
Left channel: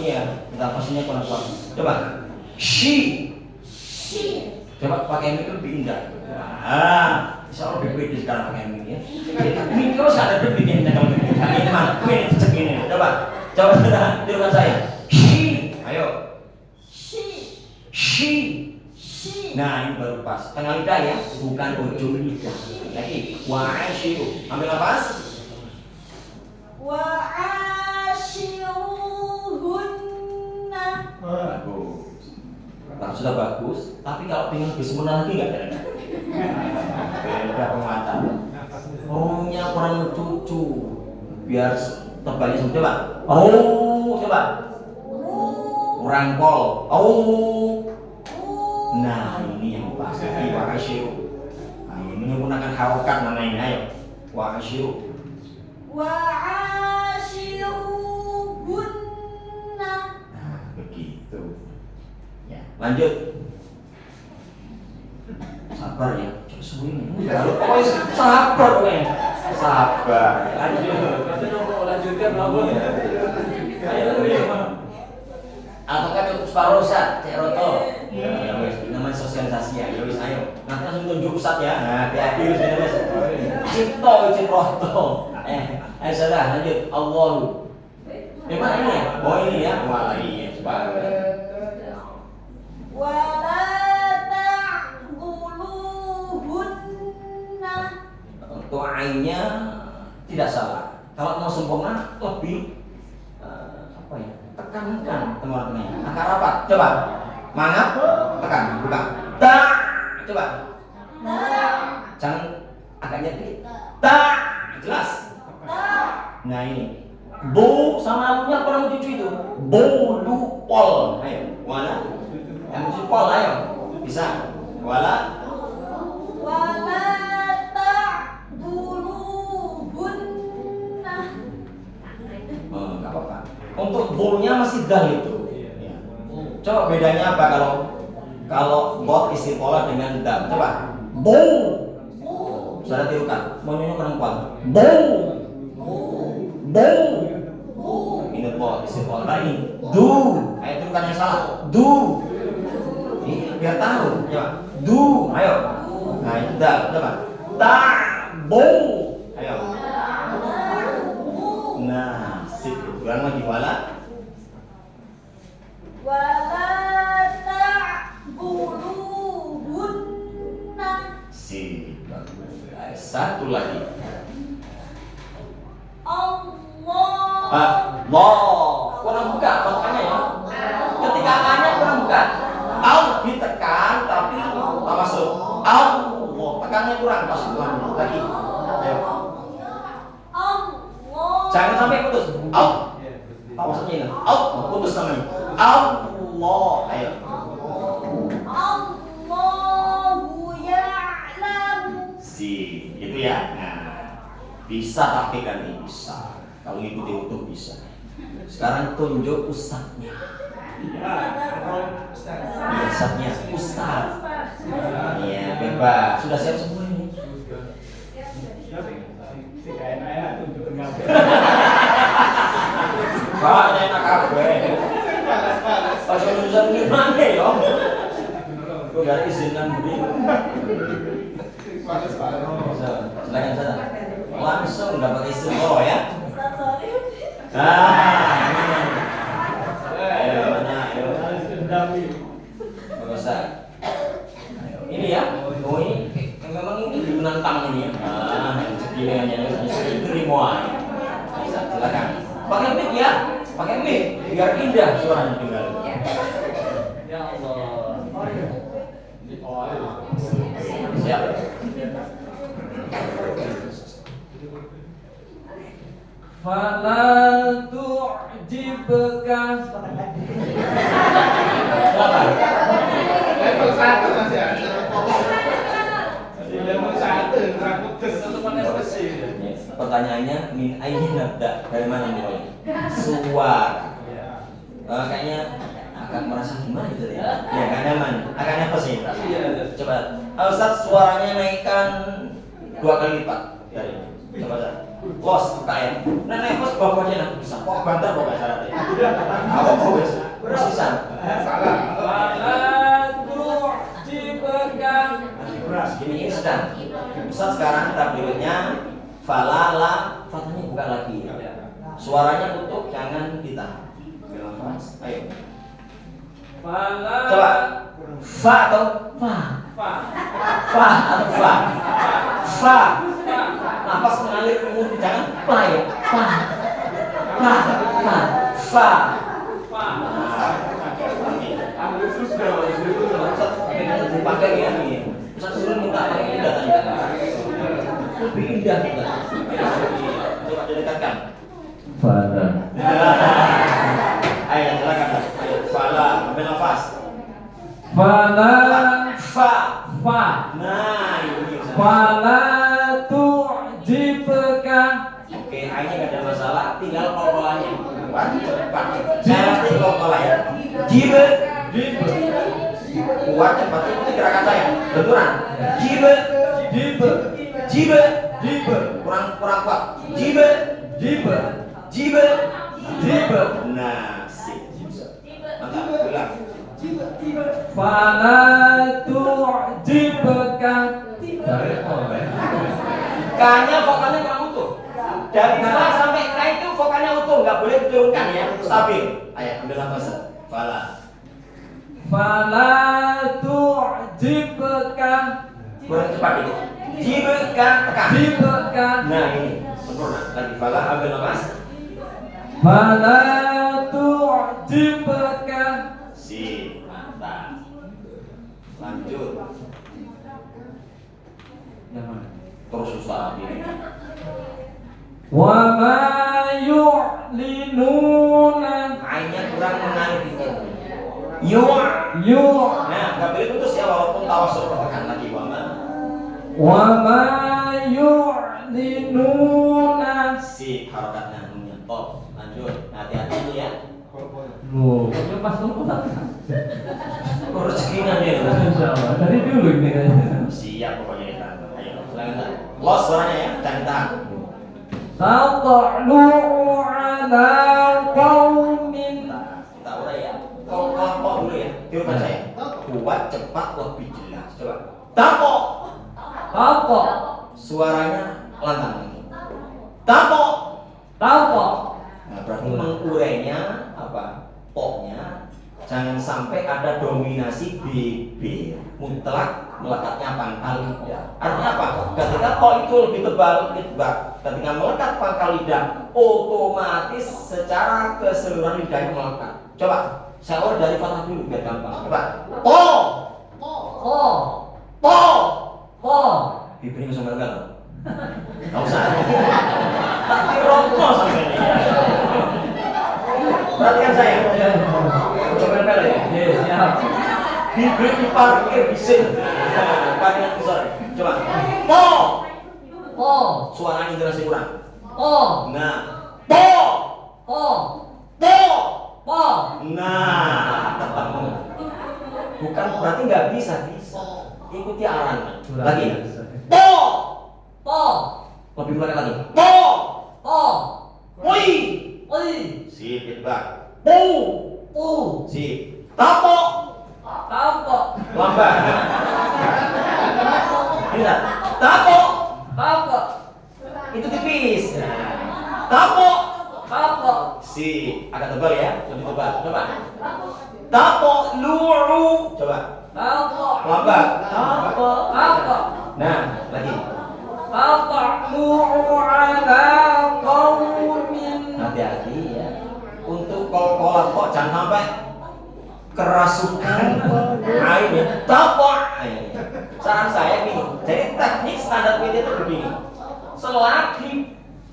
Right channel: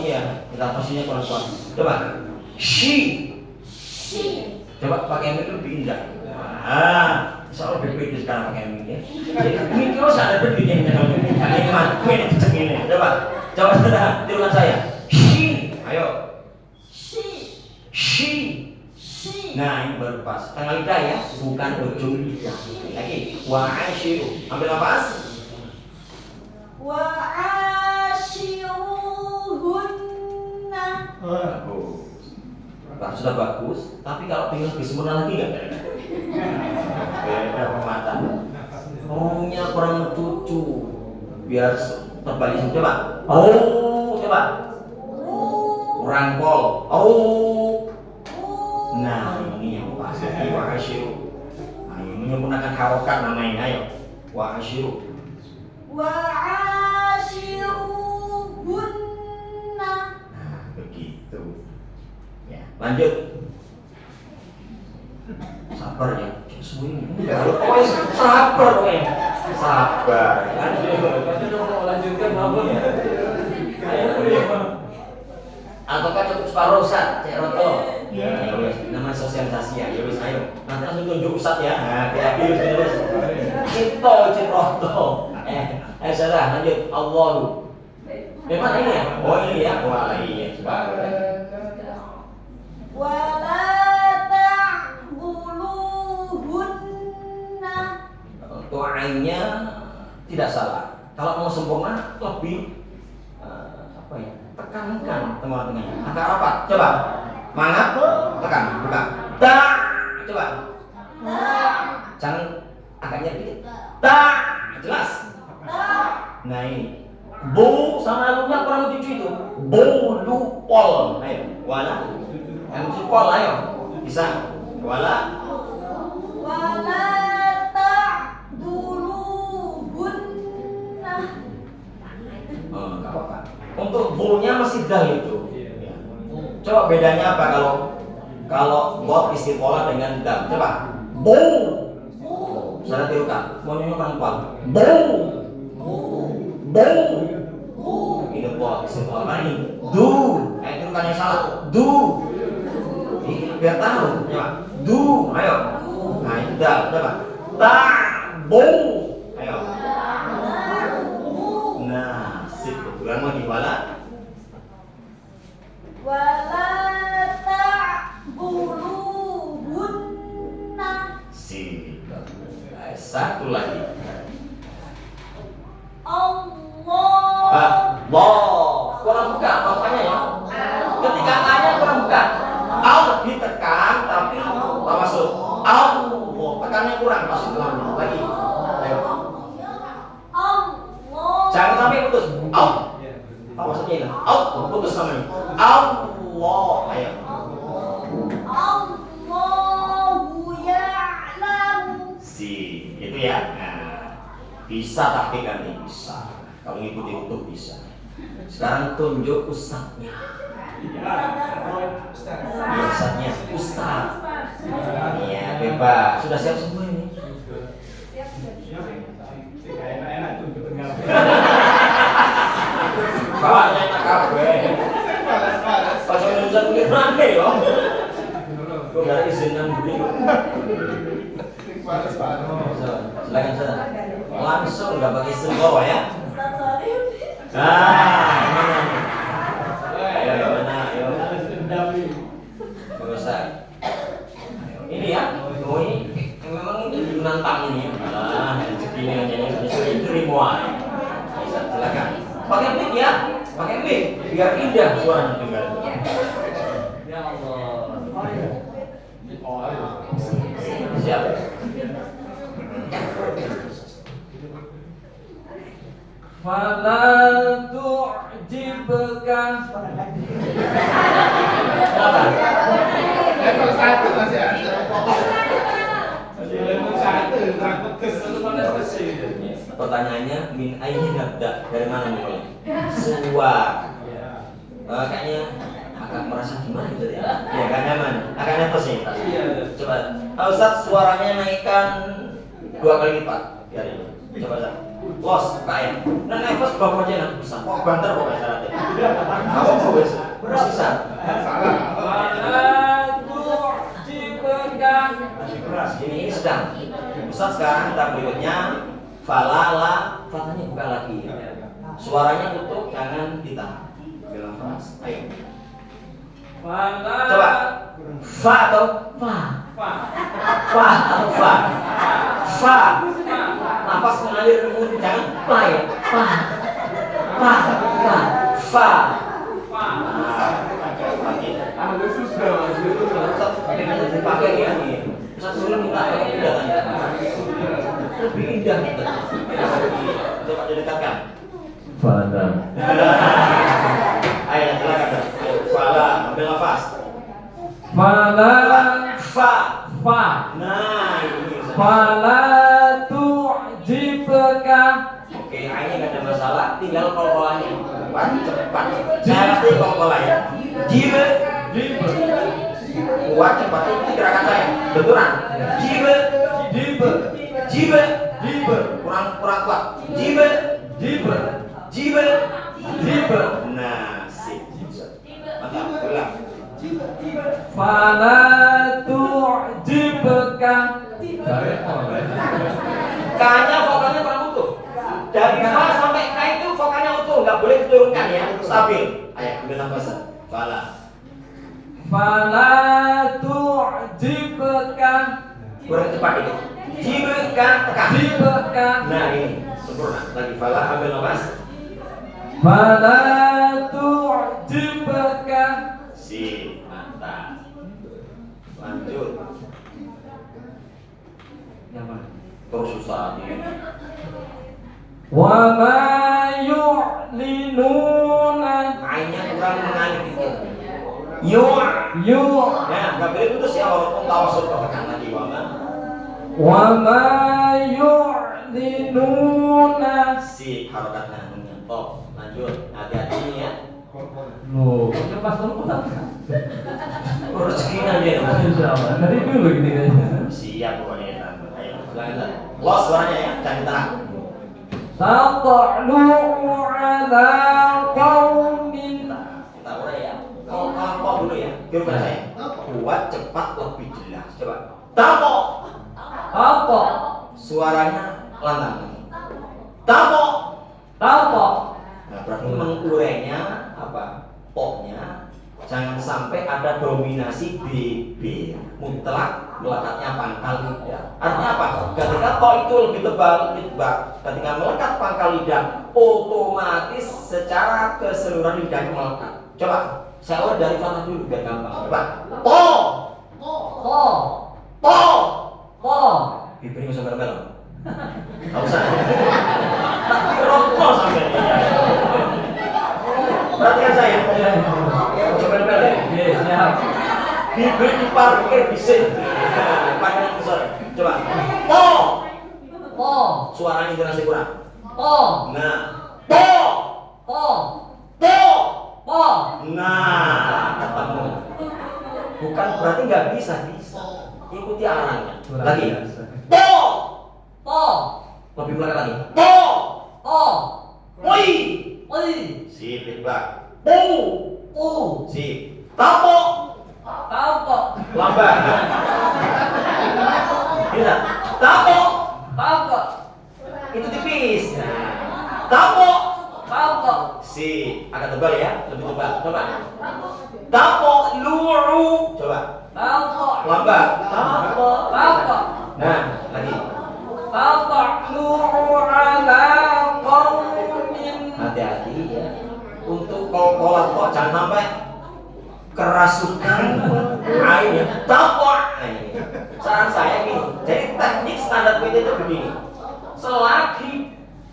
Iya. Kita pastinya kurang kuat. Coba. Shi. Coba pakai mic lebih indah. Insya Allah lebih pede sekarang pakai mic ya. Mic terus ada debitnya kalau ini mana? Ini cek ini. Coba sudah tirukan saya. Shi. Ayo. Shi. Nah ini baru pas. Tengah lidah ya, bukan ujung lidah. Lagi. Wa'ashiru. Ambil nafas. Wa'ashiruhunna. Bagus. Nah, sudah bagus. Tapi kalau pengen lebih sempurna lagi nggak ada? Beda pemata. Ruhnya kurang mencucu. Biar terbalik semua. Coba. Coba. Kurang pol. Nah ini yang pas. Wa'ashiru. Nah ini menggunakan harokat namanya. Ayo. Wa'ashiru. Wa'ashiruhunna. Nah begitu. Ya lanjut. Sabar ya. Sabar pokoknya. Sabar. Lanjutkan apa? Ataukah cukup separuh Ustaz? Cek Roto. Ya wes, namanya sosialisasi ya. Ya wes ayo. Nanti langsung tunjuk Ustaz ya. Nah, kayak gitu wes. Cek Roto. Salah lanjut. Allahu. Memang ini ya? Oh ini ya. Wah iya. Wala ta'buluhunna. Untuk ainnya tidak salah. Kalau mau sempurna lebih apa ya? Tekankan teman-teman. Angka apa? Coba. Mangap, tekan, buka. Ta. Coba. Jangan agaknya dikit. Ta. Jelas. Nah ini. Bu sama alunya kurang lucu itu. Bolu pol. Ayo. Wala. Yang lucu pol ayo. Bisa. Wala. Wala ta'buluhunna. Enggak apa-apa. Untuk bu-nya masih dal itu. Ya. Coba bedanya apa kalau bot istiqolah dengan dal. Coba. Bu. Saya tirukan. Maunya kurang kuat. Bu. Ini bot istiqolah lagi. Du. Tirukannya salah. Du. Ini biar tahu. Coba. Du. Ayo. Nah itu dal. Coba. Ta. Bu. Ayo. Nah, sip. Kurang lagi wala. Wala ta'buluhunna. Sip. Satu lagi. Allah. Kurang buka pokoknya ya. Ketika A-nya kurang buka. Al ditekan tapi tak masuk. Allah tekannya kurang pas itu lagi. Ayo. Allah. Jangan sampai putus. Al. Apa maksudnya ini? Al putus namanya. Allah. Ayo. Allahu ya'lamu. Itu ya. Nah, bisa taktikan nih bisa. Kalau ngikuti utuh bisa. Sekarang tunjuk ustadznya. Ustadznya ustadz. Iya bebas. Sudah siap semua ini. Pak, enak kabeh. Pas nunjuk gimana ya? Kok gak izinan beli? Silakan sana. Langsung nggak pakai istilah ya? Ayo mana? Ayo. Ustaz. Ini ya, ini memang ini menantang ini ya. Rezeki ini hanya terima. Silakan. Pakai mic ya, pakai mic biar indah suaranya dengar. Ya Allah. Siap. Fala tu'jibka. Level 1 masih ada. Level 1 takut Pertanyaannya min ayyi nabda, dari mana mulai? Suwar. Kayaknya agak merasa gimana gitu ya? Ya kan nyaman, agak nervous nih. Coba, Ustaz suaranya naikkan 2 kali lipat di hari ini. Coba saja. Los kaya. Nah, nefas bapak aja nak bisa. Kok banter kok nggak syaratnya? Aku fokus. Persisaan. Salah. Masih keras. Ini sedang. Ustaz sekarang takbirnya falala, fatanya buka lagi. Suaranya tutup, jangan ditahan. Nafas. Ayo. Coba. Fa atau fa? Fa atau fa? Fa. Nafas mengalir ke mulut, jangan fa ya. Fa. Fa. Fa. Fa. Ambil susah, Pakai ini. Ustaz suruh minta pakai indah tadi. Lebih indah. Coba didekatkan. Pada. Ayo silakan. Fala, ambil nafas. Fala Fa. fa Nah, ini. fala tu'jibka. Oke, kayaknya nggak ada masalah. Tinggal kol-kolannya. Kuat, cepat. Saya pasti kol-kolan ya. Jibe. Kuat, cepat. Itu gerakan saya. Benturan. Jibe. Jibe. Kurang kuat. Jibe. Jibe. Nah, sip. Mantap, ulang. Fala tu'jibka. K-nya vokalnya kurang utuh. Dari fa sampai K itu vokalnya utuh, nggak boleh diturunkan ya, stabil. Ayo, ambil nafas. Fala. Fala tu'jibka. Kurang cepat itu. Jibka, tekan. Jibka. Nah, ini sempurna. Lagi fala, ambil nafas. Fala tu'jibka. Sip, mantap. Lanjut. Terus Ustaz ini. Wa ma yu'linuna. Ainnya kurang mengalir dikit. Yu. Nah, nggak boleh putus ya walaupun tawasul tekan lagi wama. Wa ma yu'linuna. Sip, harokatnya menyentuh. Lanjut, hati-hati ya. Loh, ini pas dulu kan? Rezekinya nih. Insyaallah. Dari dulu ini kayaknya. Siap pokoknya ya. Ayo, silakan. Los suaranya ya, jangan tahan. Taqa'lu ala qaumin. Kita urai ya. Kau dulu ya. Tirukan saya. Kuat, cepat, lebih jelas. Coba. Tapo. Tapo. Suaranya lantang. Tapo. Nah, berarti mengurainya apa? Poknya jangan sampai ada dominasi BB mutlak melekatnya pangkal lidah. Artinya apa? Ketika kok itu lebih tebal, ketika melekat pangkal lidah, otomatis secara keseluruhan lidahnya melekat. Coba saya urut dari fatah dulu biar gampang. Coba. Po. Bibirnya sampai dalam. Enggak usah. Tapi rokok sampai ini. Perhatikan saya. Coba balik. Siap. Bibir diparkir bising. Panggilan besar. Coba. Po. Suaranya intonasi kurang. Nah. Po. Nah, ketemu. Bukan berarti nggak bisa. Ikuti arahnya. Lagi. Po. Lebih melekat lagi. Po. Woi. Sip, Pak. Sip. Tapo. Lambat. Tidak. Tapo. Itu tipis. Tapo. Sip. Agak tebal ya. Lebih tebal. Coba. Tapo. Luru. Coba. Lambat. Nah, lagi. Hati-hati ya. Untuk kol-kolan kok jangan sampai kerasukan airnya. Tapok. Saran saya gini. Jadi teknik standar PT itu begini.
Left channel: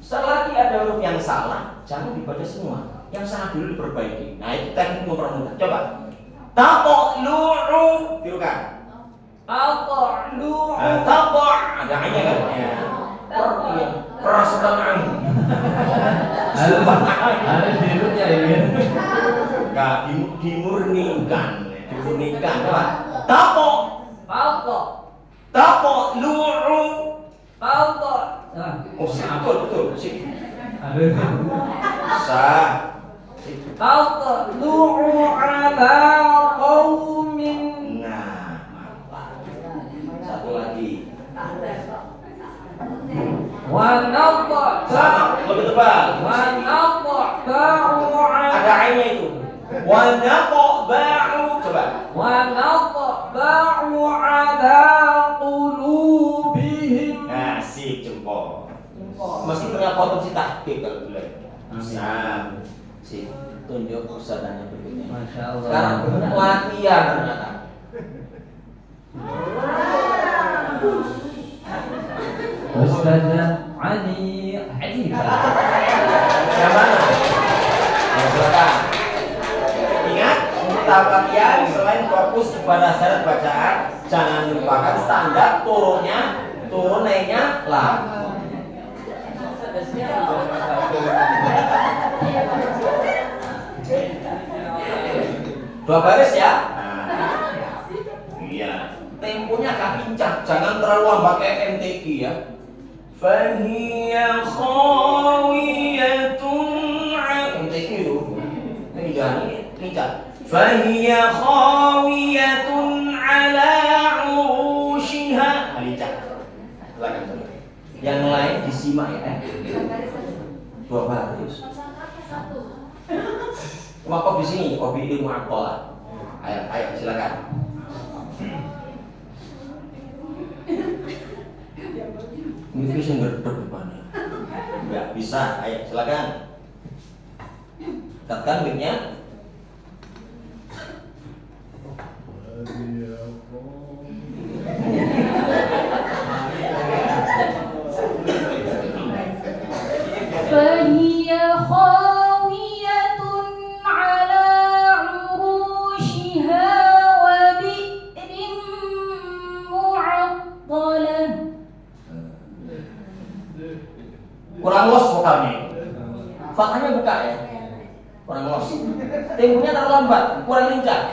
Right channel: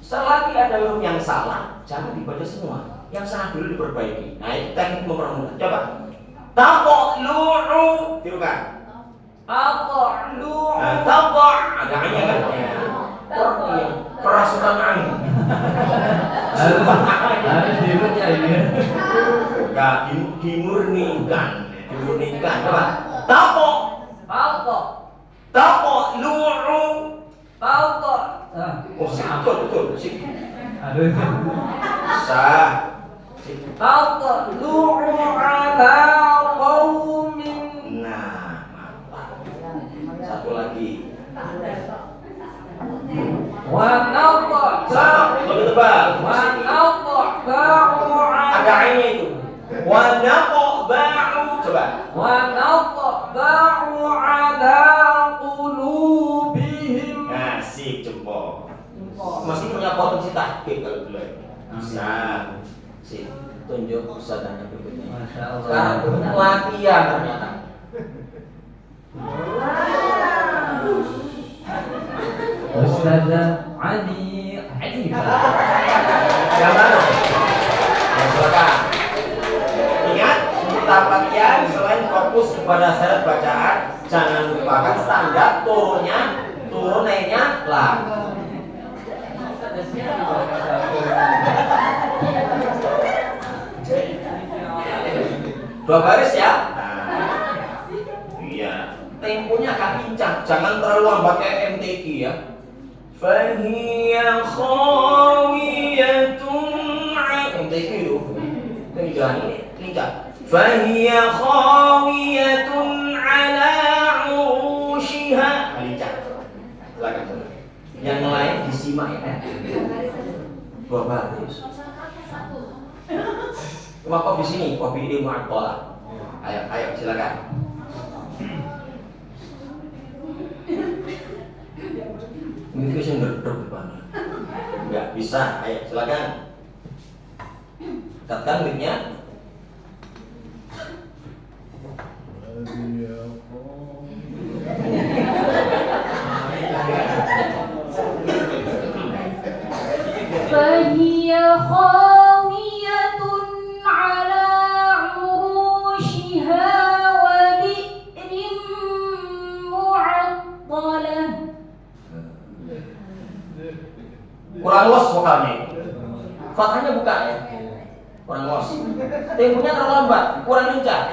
Selagi ada huruf yang salah, jangan dibaca semua. Yang salah dulu diperbaiki. Nah, itu teknik mempermudah. Coba. Tapok luru. Tirukan. Tapok. Ada aja kan? Ya. Kerasukan air. Harus dirut ya ini. Ya, dimurnikan. Apa? Tapo luru. Oh, sip, betul. Sip. Aduh. Sah. Sip. Tatlu'u ala qaumin. Nah, mantap. Satu lagi. Wa Sama, naqta'u. lebih tebal. Wa naqta'u Ada ainnya itu. Wa naqba'u. Coba. wa naqta'u ala qulubihim. Nah, sip, jempol. Mesti punya potensi tahqiq kalau boleh. Bisa. Sip. Tunjuk ustadznya berikutnya. Masya Allah. Sekarang berikutnya latihan ternyata. Ustazah Ali Hanifah. Yang mana? Ya, silakan. Ingat, kita latihan selain fokus kepada syarat bacaan, jangan lupakan standar turun naiknya lah. Dua baris ya. Iya. Temponya akan pincang, jangan terlalu lambat kayak MTQ ya. Fahiya khawiyatun MTQ itu. Jangan ini pincang. Fahiya khawiyatun ala urushiha. Pincang. Silakan coba. Yang lain disimak ya. Dua baris. Cuma kok di sini, kopi ilmu akola. Ayo silakan. Mungkin sih ngerdek depannya. Enggak bisa. Ayo silakan. Dekatkan mic-nya. فهي خاوية على عروشها وبئر معطلة. Kurang los vokalnya. Fathahnya buka ya. Kurang los. Temponya terlalu lambat, kurang lincah.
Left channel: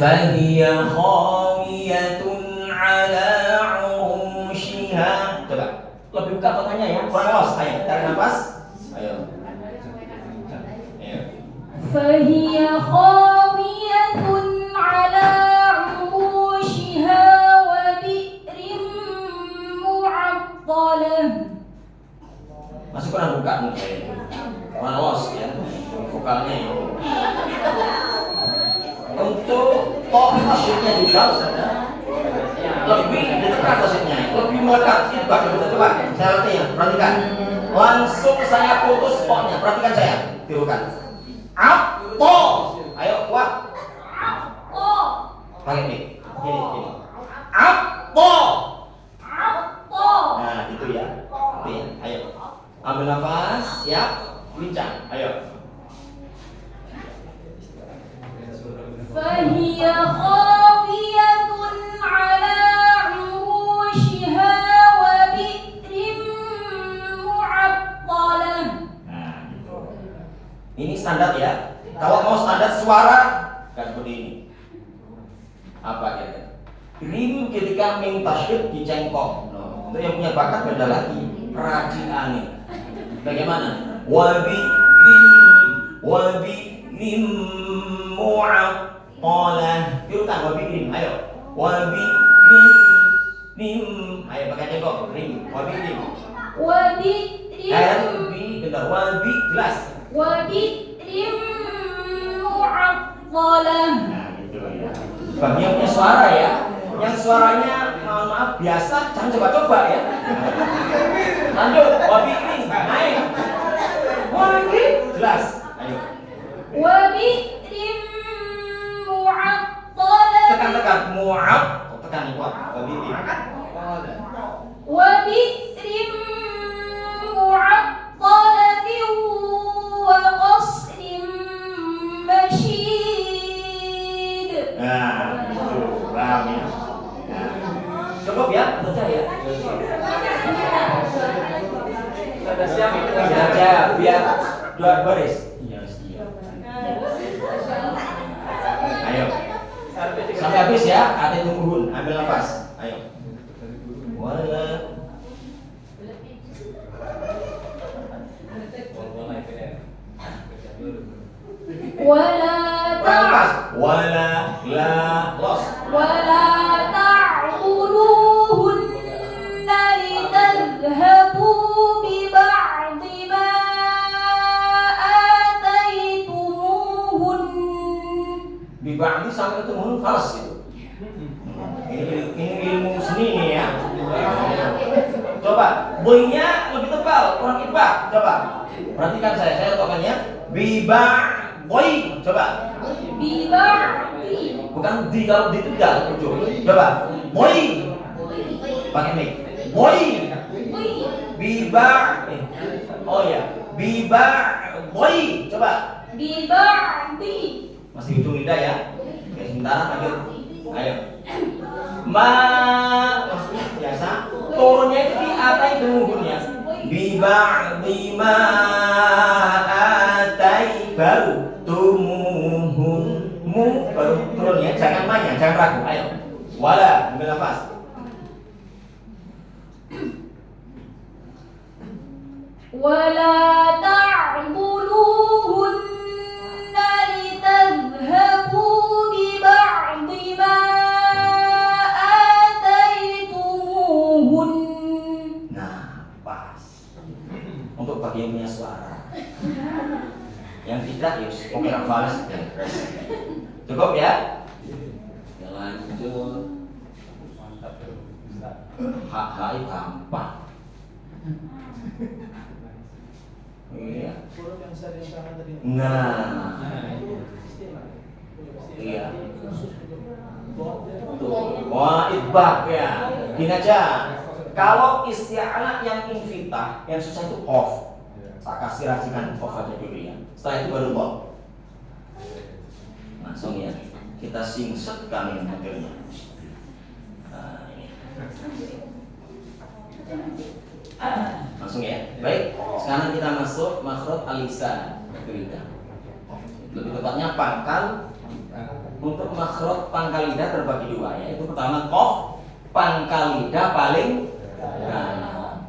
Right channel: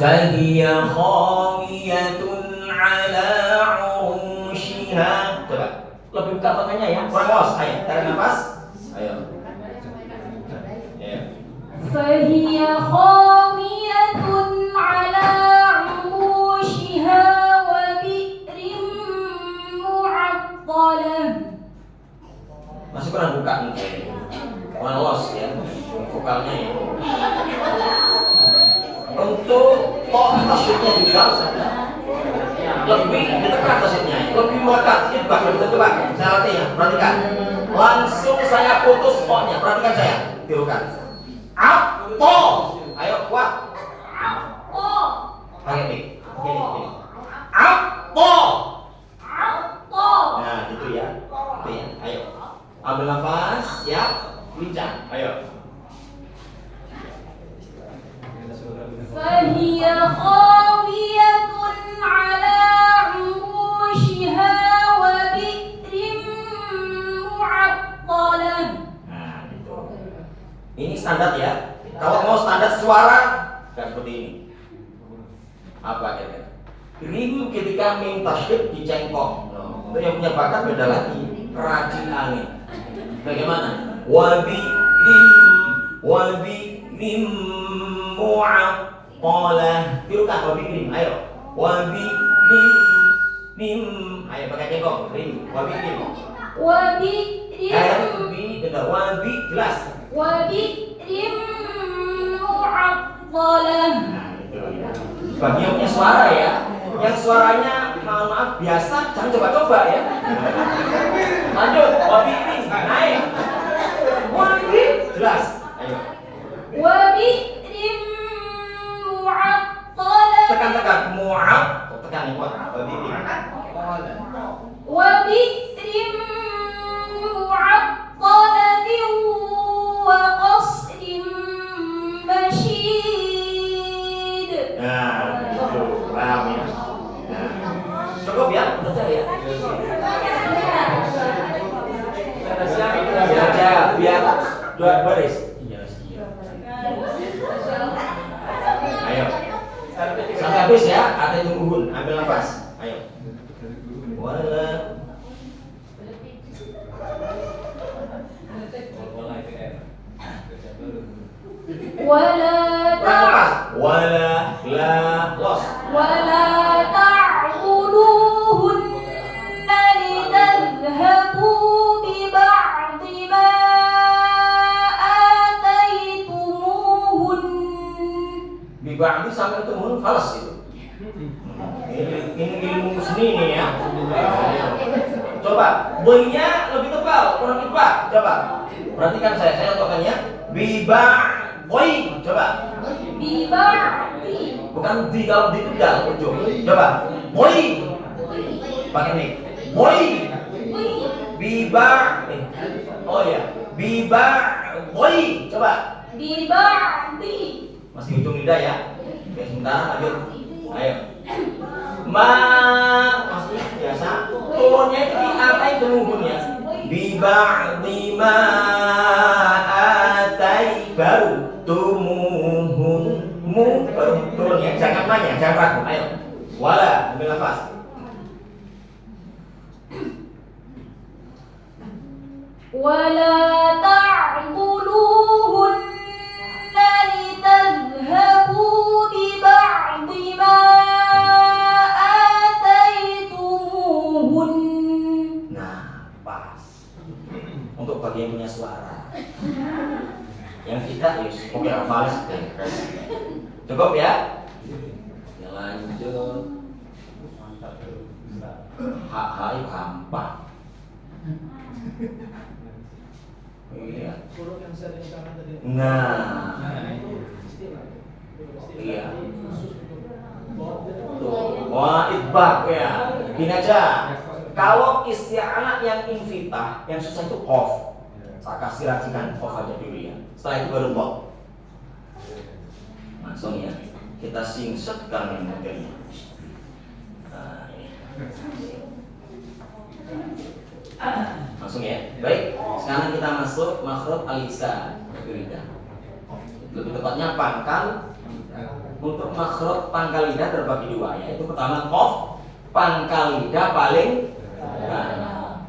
Fahiya khawiyatun ala urushiha. Coba. Lebih buka fathahnya ya. Kurang los. Ayo, tarik nafas. Ayo. فهي خاوية على عروشها وبئر معطلة. Masih kurang buka nih. Kurang los ya. Vokalnya ya. Untuk kok tasnya juga Ustaz. Lebih ditekan tasnya, lebih melekat. Ini bagian coba. Saya latih ya, perhatikan. Langsung saya putus koknya. Perhatikan saya. Tirukan. Apo. Ayo kuat. Oh, Pakai mic. Gini. Apo. oh. Nah, gitu ya. Gitu ya. Ayo. Ambil nafas, siap. Bincang. Ayo. فهي خاوية على عروشها وبئر معطلة. Nah, gitu. Ini standar ya. Kalau mau standar suara, nggak seperti ini. Apa kira-kira? Rim ketika mim tasydid dicengkok. Itu yang punya bakat beda lagi. Raji'ani. Bagaimana? Wabi rim mu'aqalah. Tirukan wabi rim. Ayo. Wabi rim. Ayo pakai cengkok. Rim. Wabi rim. وبئر Benar. Wabi jelas. وبئر معطلة. Nah, itu ya. Bagi yang punya suara ya, yang suaranya mohon maaf biasa, jangan coba-coba ya. Lanjut, wabi ini naik. Wabi jelas. Ayo. وبئر معطلة. Tekan mu'ab, tekan yang kuat. Wabi ini. وبئر معطلة وقصر مشيد. Nah, itu paham ya. Nah, cukup ya, saja ya. Saja biar dua baris. Ayo. Sampai habis ya, ada yang tungguin, ambil nafas. Ayo. Wala ولا Lepas. Wala la los. ولا تعضلوهن لتذهبوا ببعض ما آتيتموهن Biba'di sama itu mun falas itu. Ini ilmu seni nih ya. Coba, boynya lebih tebal, kurang ibah. Coba, perhatikan saya tokannya. Boy, coba. ببعض Bukan di, kalau di itu dal, coba. Boy, pakai mic. Boy, oh ya, boy, coba. ببعض Masih ujung lidah ya. Oke, sebentar lanjut. Ayo. Maksudnya biasa. Turunnya itu di apa itu nuhunnya? Biba'di ma atai baru tumuhun mu baru turunnya. Jangan nanya, jangan ragu. Ayo. Wala, ambil nafas. ولا تعضلوهن لتذهبوا ببعض ما آتيتموهن Nah, pas. Untuk bagian punya suara. Yang tidak, yus, oke, hafalis. Cukup ya? Yang lanjut. Hak gampang. Iya. Nah, iya. Tuh, wah itbaq ya. Gini aja. Kalau isti'alah yang infitah, yang susah itu qaf. Saya kasih racikan qaf aja dulu ya. Setelah itu baru qaf. Langsung ya. Kita singsetkan yang materinya. Nah, ya. Langsung ya. Baik, sekarang kita masuk makhraj al-lisan, lidah. Lebih tepatnya pangkal. Untuk makhraj pangkal lidah terbagi dua, yaitu pertama qaf, pangkal lidah paling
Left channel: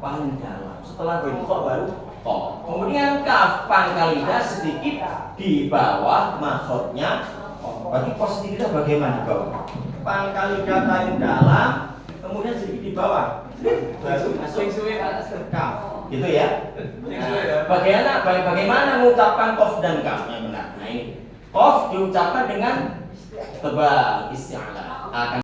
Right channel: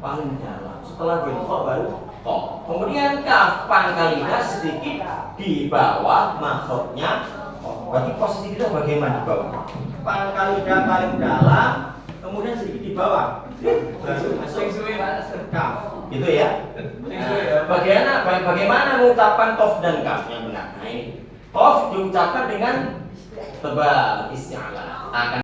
dalam. Setelah qaf baru qaf. Kemudian kaf, pangkal lidah sedikit di bawah makhrajnya. Berarti posisi kita bagaimana di bawah? Pangkal lidah paling dalam, kemudian sedikit di bawah. Baru masuk kaf. Gitu ya. Bagaimana mengucapkan qaf dan kaf yang benar? Nah ini. Qaf diucapkan dengan tebal isti'alah. Akan